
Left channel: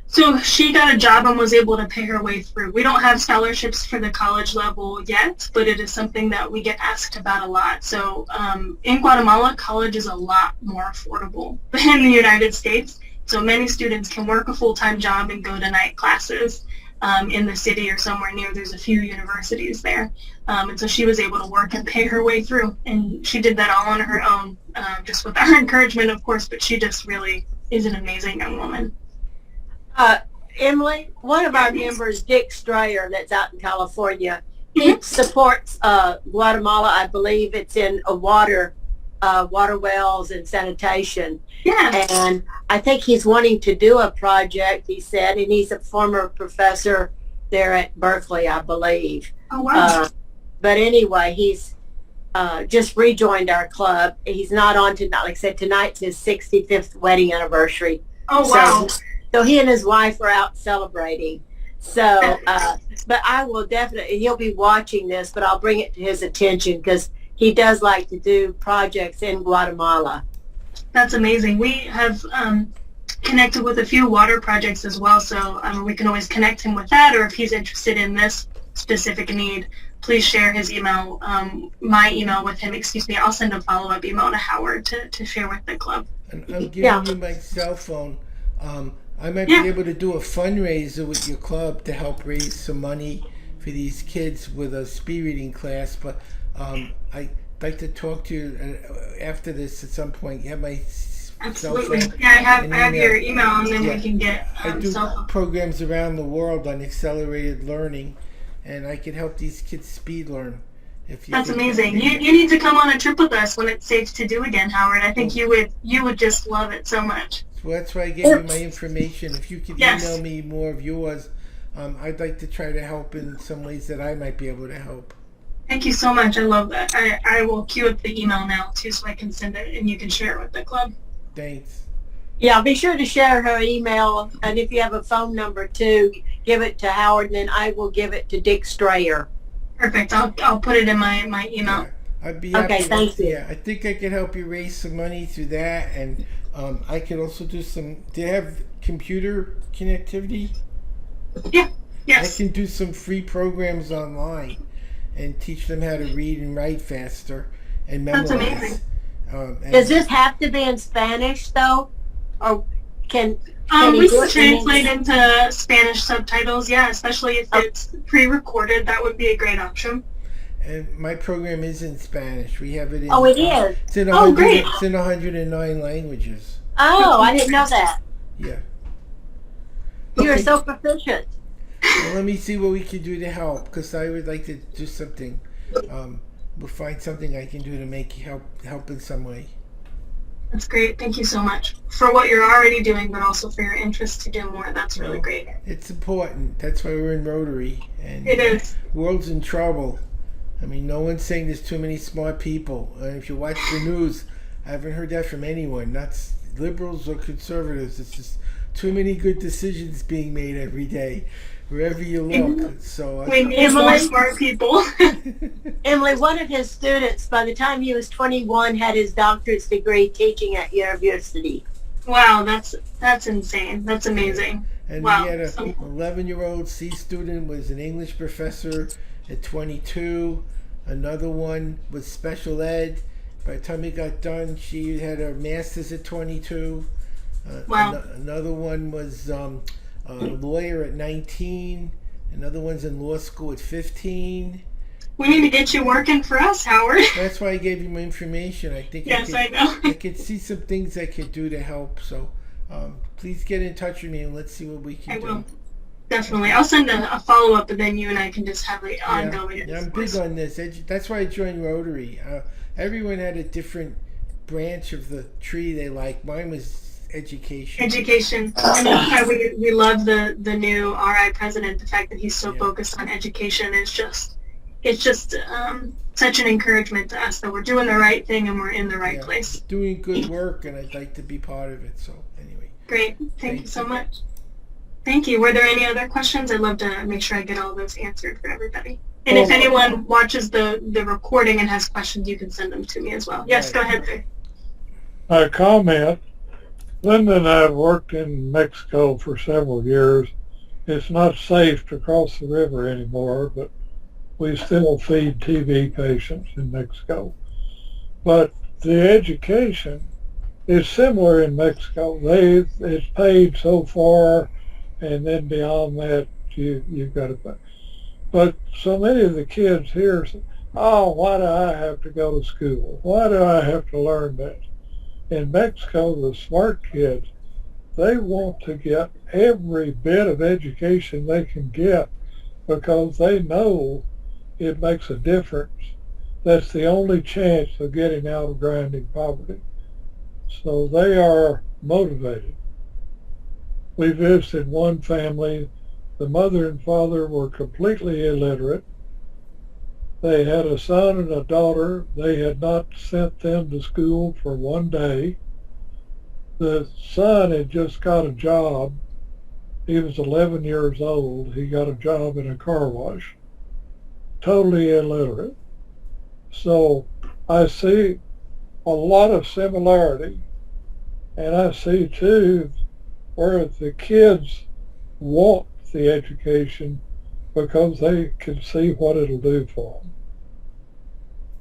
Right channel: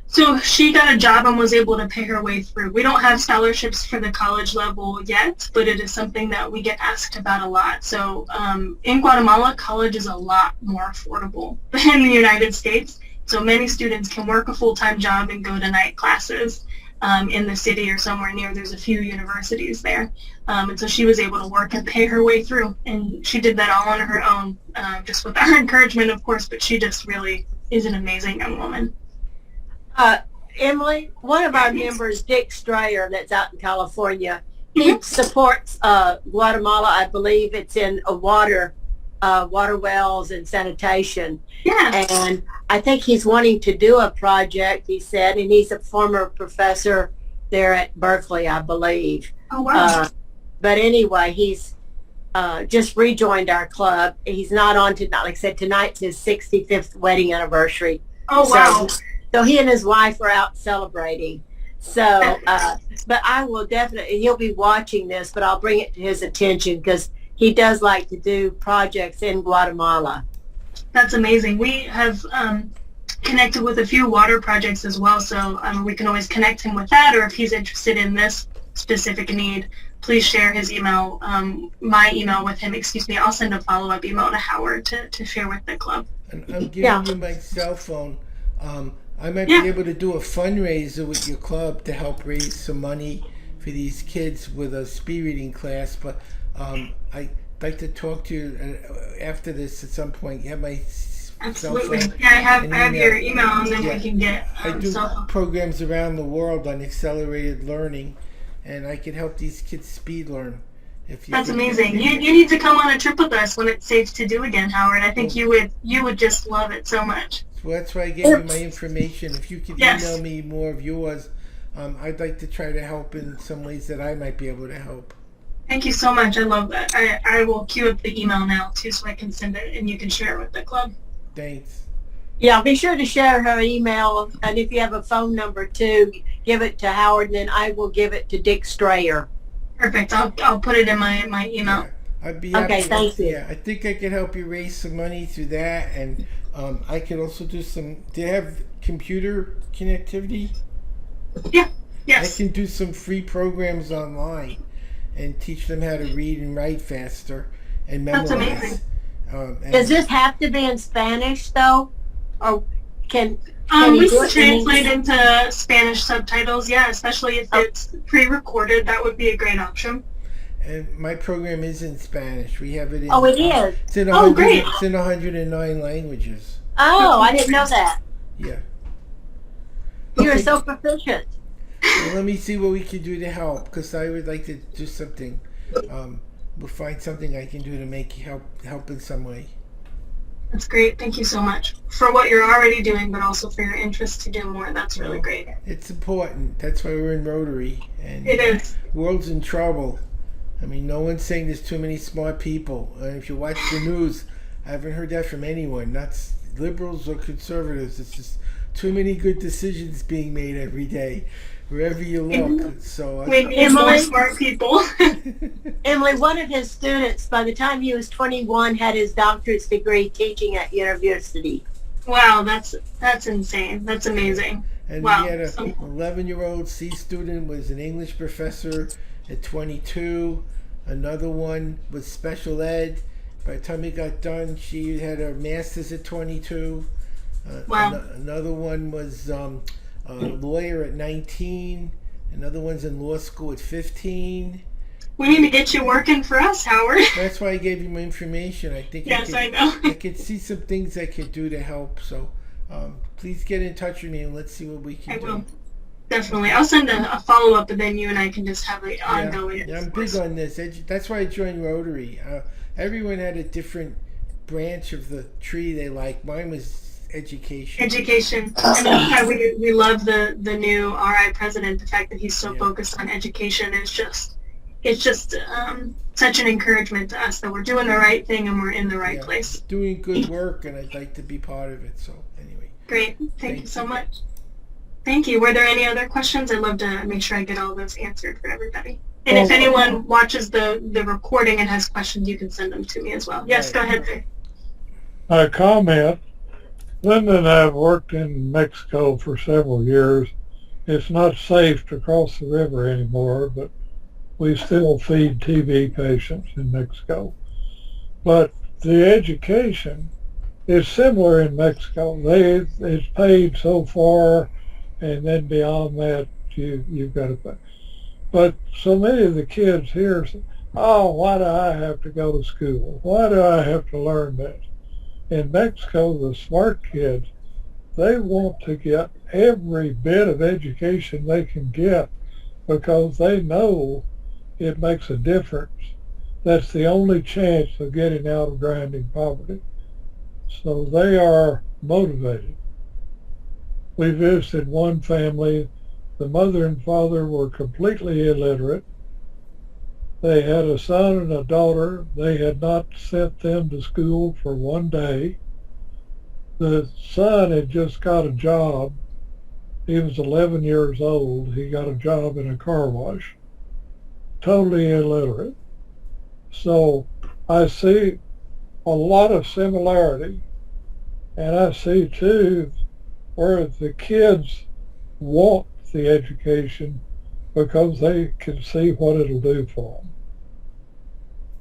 So she got a job and was able to pay her way through. We don't have scholarships for the college level yet, but it is something that we get asked about a lot. So in Guatemala, college is a lot more affordable than in the United States. So many students can work a full-time job and go to night classes in the city or somewhere near. There's a few universities there. And so she was able to work and pay her way through. And she did that all on her own, just with our encouragement, of course, but she just really is an amazing young woman. Emily, one of our members, Dick Strayer, that's out in California, he supports Guatemala. I believe it's in water wells and sanitation. Yeah. And I think he's wanting to do a project, he said, and he's a former professor there at Berkeley, I believe. Oh, wow. But anyway, he's just rejoined our club. He's not on tonight. Like I said, tonight's his 65th wedding anniversary. Oh, wow. So he and his wife are out celebrating. So, but I will definitely, he'll be watching this, but I'll bring it to his attention because he does like to do projects in Guatemala. That's amazing. We have connected with a few water projects as well, so we can always connect him with that, or if he's interested in this specific need, please share his email, my email with him, I'll send a follow-up email to Howard to share with the club. And I'm giving you my cell phone. I might be able to do a fundraiser with your club to help raise some money for these kids with a speed reading class, but I'd like to talk to you after this at some point. You have my Absolutely. phone Yeah, I and have email. your email, and then Yeah. we can get I do cell phone. programs around the world on accelerated learning, and I can help these kids speed learn. If you That's think amazing. You need to come on a trip with us when it's safe to do again, Howard. I think Well- you would just love it so much. Well, that's why I gave you my information. If you could Yes. email me more of yours, I'd like to try to help in some ways that I might be able to help. Thank you so much. I love that. I will queue up the email now too, so I can send it and you can share it with the club. Thanks. Yeah, be sure to share her email, and if you have a phone number too, give it to Howard, and then I will give it to Dick Strayer. Perfect. I'll put it in my email. Yeah, I'd be happy. Okay, thank you. Yeah, I think I could help you raise some money through that, and I could also do some. Do you have computer connectivity? Yeah. I Yes. can do some free programs online and teach them how to read and write faster and That's memorize. amazing. And Does this have to be in Spanish though, or can We you do can it in translate English? into Spanish subtitles. Yeah, especially if it's pre-recorded, that would be a great option. And my program is in Spanish. We have it in. Oh, it is. It's in Oh, great. It's in 109 languages. Oh, I didn't know that. Yeah. You're Okay. so proficient. Well, let me see what we can do to help, because I would like to do something. We'll find something I can do to make help in some way. That's great. Thank you so much for what you're already doing, but also for your interest to do more. That's really Well, great. It's important. That's why we're in Rotary, and It is. world's in trouble. I mean, no one's saying there's too many smart people. And if you watch the news, I haven't heard that from anyone. Not liberals or conservatives. It's just too many good decisions being made every day, wherever you look. So We need more Emily? smart people. Emily, one of his students, by the time he was 21, had his doctorate degree teaching at university. Wow, that's insane. That's amazing. And Wow. we had a 11-year-old C student was an English professor at 22. Another one was special ed. By the time he got done, she had her master's at 22. Wow. Another one was a lawyer at 19. Another one's in law school at 15. We need to get you working for us, Howard. That's why I gave you my information. I think Yes, I I know. could see some things I could do to help. So please get in touch with me and let's see what we can I do. will. Definitely. I'll send a follow-up, and then you and I can just have it Yeah, ongoing. I'm big on this. That's why I joined Rotary. Everyone had a different branch of the tree they like. Mine was education. Education. And that's why we love the new RI president. The fact that he's so Yeah. focused on education is just such an encouragement to us that we're doing the right thing and we're in the right Yeah. place. Doing good work, and I'd like to be part of it. So anyway, Great. Thank Thank you so you. much. Thank you. Were there any other questions? I'd love to make sure I get all those answered for everybody. And if anyone watches the recording and has questions, you can send them to me as well. Yes, Right. go ahead, sir. A comment. Linda and I have worked in Mexico for several years. It's not safe to cross the river anymore, but we still feed TB patients in Mexico. But the education is similar in Mexico. It's paid so far, and then beyond that, you've got to pay. But so many of the kids here say, oh, why do I have to go to school? Why do I have to learn that? In Mexico, the smart kids, they want to get every bit of education they can get because they know it makes a difference. That's the only chance of getting out of grinding poverty. So they are motivated. We visited one family. The mother and father were completely illiterate. They had a son and a daughter. They had not sent them to school for one day. The son had just got a job. He was 11 years old. He got a job in a car wash. Totally illiterate. So I see a lot of similarity. And I see too where the kids want the education because they can see what it'll do for them.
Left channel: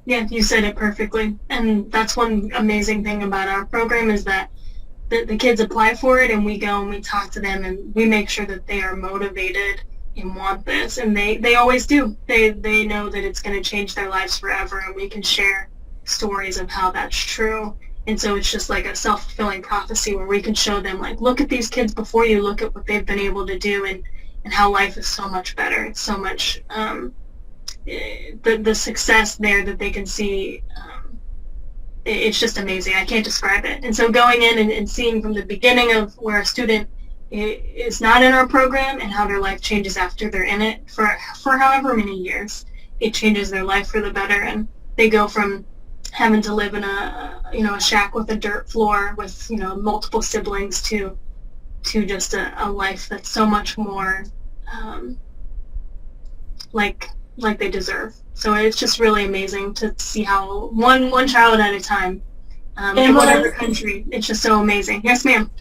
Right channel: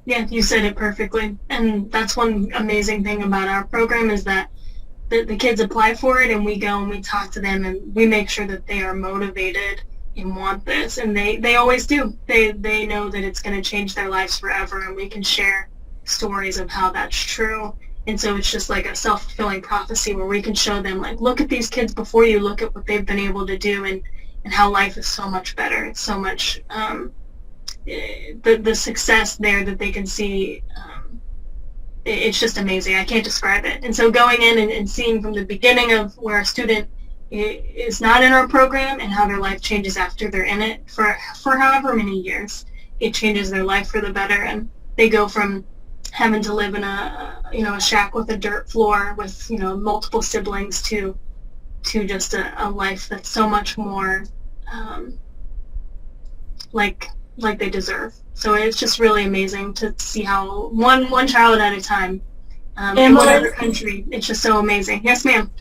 Yeah, you said it perfectly. And that's one amazing thing about our program is that the kids apply for it and we go and we talk to them and we make sure that they are motivated and want this. And they always do. They know that it's going to change their lives forever, and we can share stories of how that's true. And so it's just like a self-fulfilling prophecy where we can show them, like, look at these kids before you, look at what they've been able to do, and how life is so much better. It's so much, the success there that they can see, it's just amazing. I can't describe it. And so going in and seeing from the beginning of where a student is not in our program and how their life changes after they're in it for however many years, it changes their life for the better. And they go from having to live in a shack with a dirt floor with, multiple siblings to just a life that's so much more like they deserve. So it's just really amazing to see how one child at a time in whatever country. It's just so amazing. Yes, ma'am.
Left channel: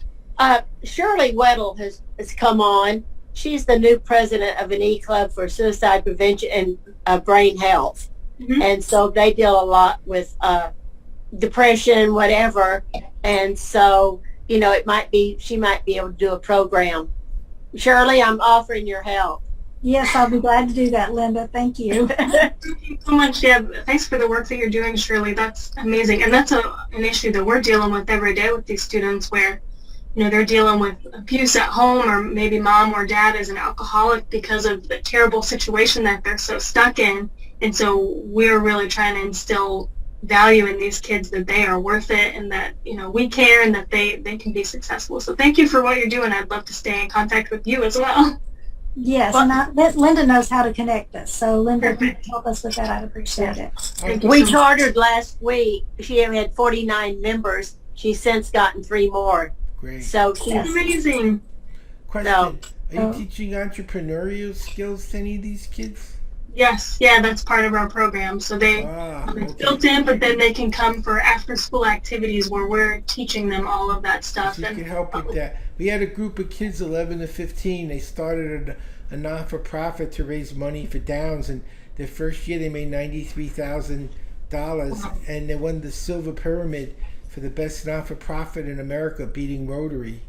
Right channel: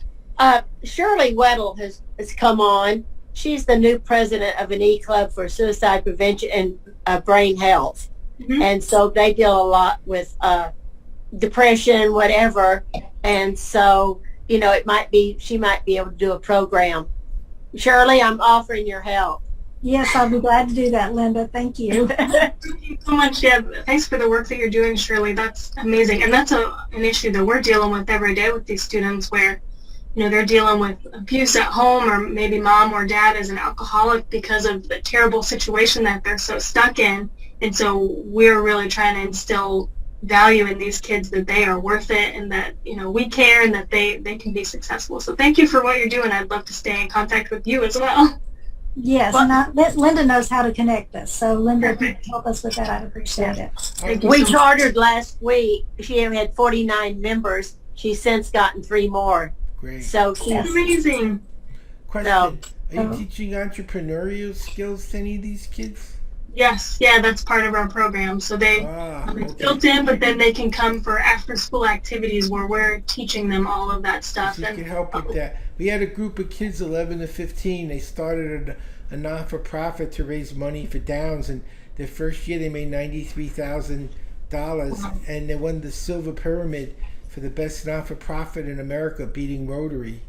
Shirley Weddle has come on. She's the new president of an e-club for suicide prevention and brain health. Mm-hmm. And so they deal a lot with depression, whatever. And so, she might be able to do a program. Shirley, I'm offering your help. Yes, I'll be glad to do that, Linda. Thank you. Thank you so much. Yeah, thanks for the work that you're doing, Shirley. That's amazing. And that's an issue that we're dealing with every day with these students where, they're dealing with abuse at home, or maybe mom or dad is an alcoholic because of the terrible situation that they're so stuck in. And so we're really trying to instill value in these kids, that they are worth it, and that, we care, and that they can be successful. So thank you for what you're doing. I'd love to stay in contact with you as well. Yes, and Linda knows how to connect us. So Linda, if you could help us with that, I'd appreciate it. Thank you We so much. chartered last week. She had 49 members. She's since gotten 3 more. Great. So It's she's amazing. Question. No. Are you teaching entrepreneurial skills to any of these kids? Yes, yeah, that's part of our program. So it's Okay. built in, but then they can come for after-school activities where we're teaching them all of that stuff. So you And can help with that. We had a group of kids, 11 to 15. They started a non-for-profit to raise money for Downs, and their first year they made $93,000, and they won the Silver Pyramid for the best non-for-profit in America, beating Rotary.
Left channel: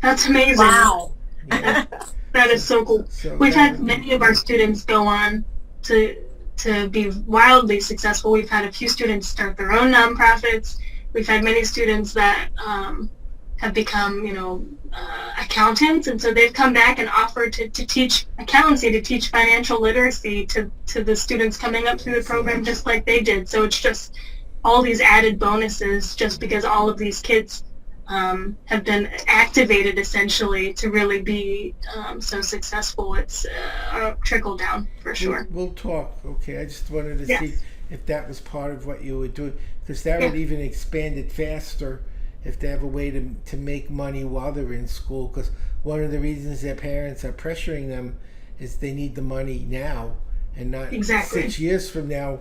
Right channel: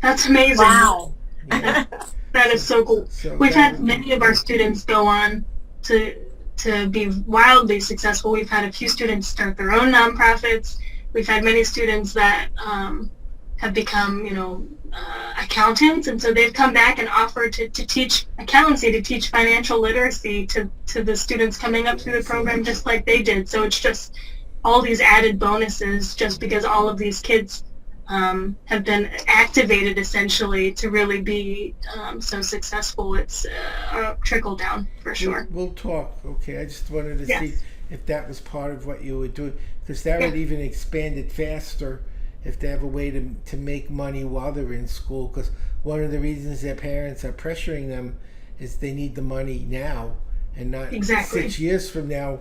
That's amazing. wow. Yeah. That is so cool. So We've that had would be many of our good. students go on to be wildly successful. We've had a few students start their own nonprofits. We've had many students that have become, accountants, and so they've come back and offered to teach accountancy, to teach financial literacy to the students coming up through the program, just like they did. So it's just all these added bonuses, just because all of these kids have been activated essentially to really be so successful. It's a trickle down for sure. We'll talk, okay? I just wanted to Yes. see if that was part of what you were doing, because that would even expand it faster if they have a way to make money while they're in school, because one of the reasons their parents are pressuring them is they need the money now and not Exactly. 6 years from now.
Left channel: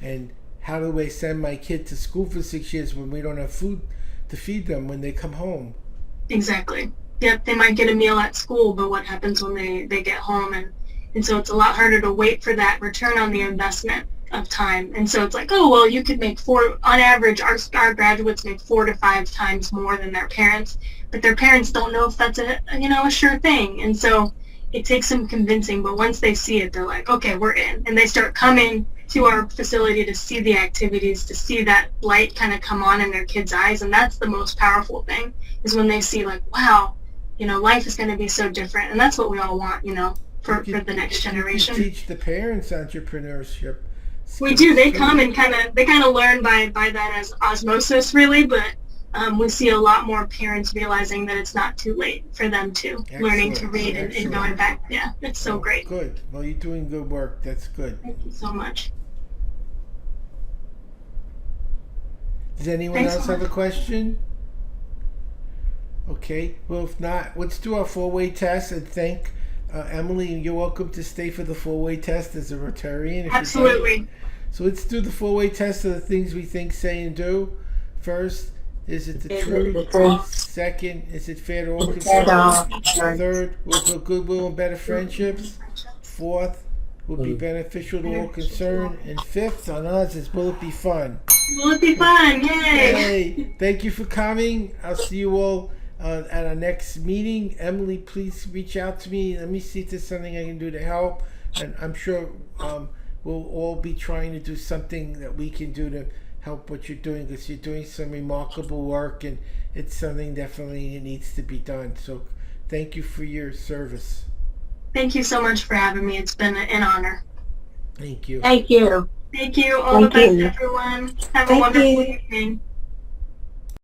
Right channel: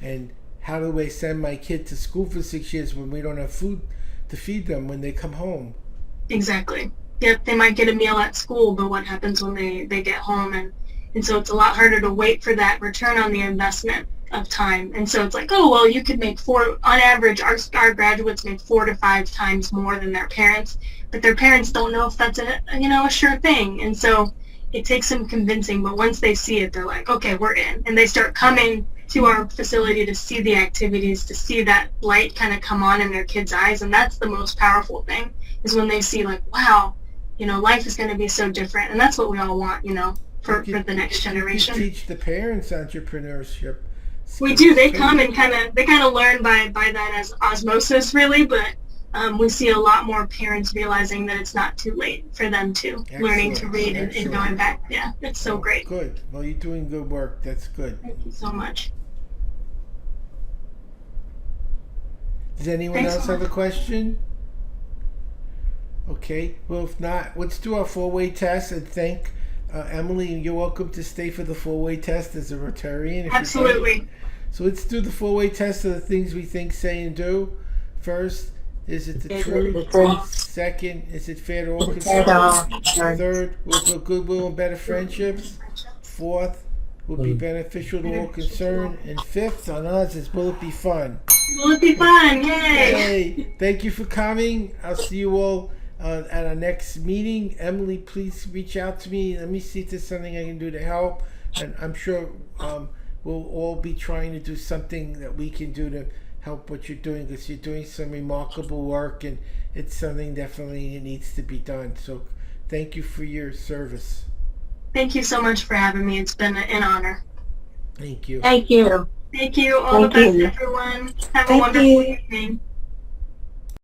And how do I send my kid to school for 6 years when we don't have food to feed them when they come home? Exactly. Yep, they might get a meal at school, but what happens when they get home? And so it's a lot harder to wait for that return on the investment of time. And so it's like, oh, well, you could make on average, our graduates make 4 to 5 times more than their parents, but their parents don't know if that's a sure thing. And so it takes some convincing, but once they see it, they're like, okay, we're in. And they start coming to our facility to see the activities, to see that light kind of come on in their kids' eyes. And that's the most powerful thing, is when they see, like, wow, life is going to be so different. And that's what we all want, for the next generation. You could teach the parents entrepreneurship We skills, do. They too. come and kind of learn by that as osmosis, really. But we see a lot more parents realizing that it's not too late for them to learning to Excellent. read and Excellent. going back. Yeah, it's so Oh, great. Good. Well, you're doing good work. That's good. Thank you so much. Does anyone Thanks else so have a question? Okay. Well, if not, let's do our 4-way test and thank Emily. You're welcome to stay for the 4-way test as a Rotarian. If you'd like. Absolutely. So let's do the 4-way test of the things we think, say, and do. First, is it the Is it truth? the truth? Second, is it fair to all concerned? Third, will build goodwill and better friendships. Fourth, will be beneficial to all concerned. And fifth, on us, is will it be fun? Will it be fun? Yay! Hey, thank you for coming. I'll see you all at our next meeting. Emily, please reach out to me. Let me see if there's something I can do to help. And I'm sure we'll all be trying to do something that we can do to help what you're doing, because you're doing some remarkable work, and it's something definitely that needs to be done. So thank you for your service. Thank you so much for having me. It's been an honor. Thank you. Thank you. Thank you. All the Thank best, you. everyone. Have a Thank wonderful you. evening.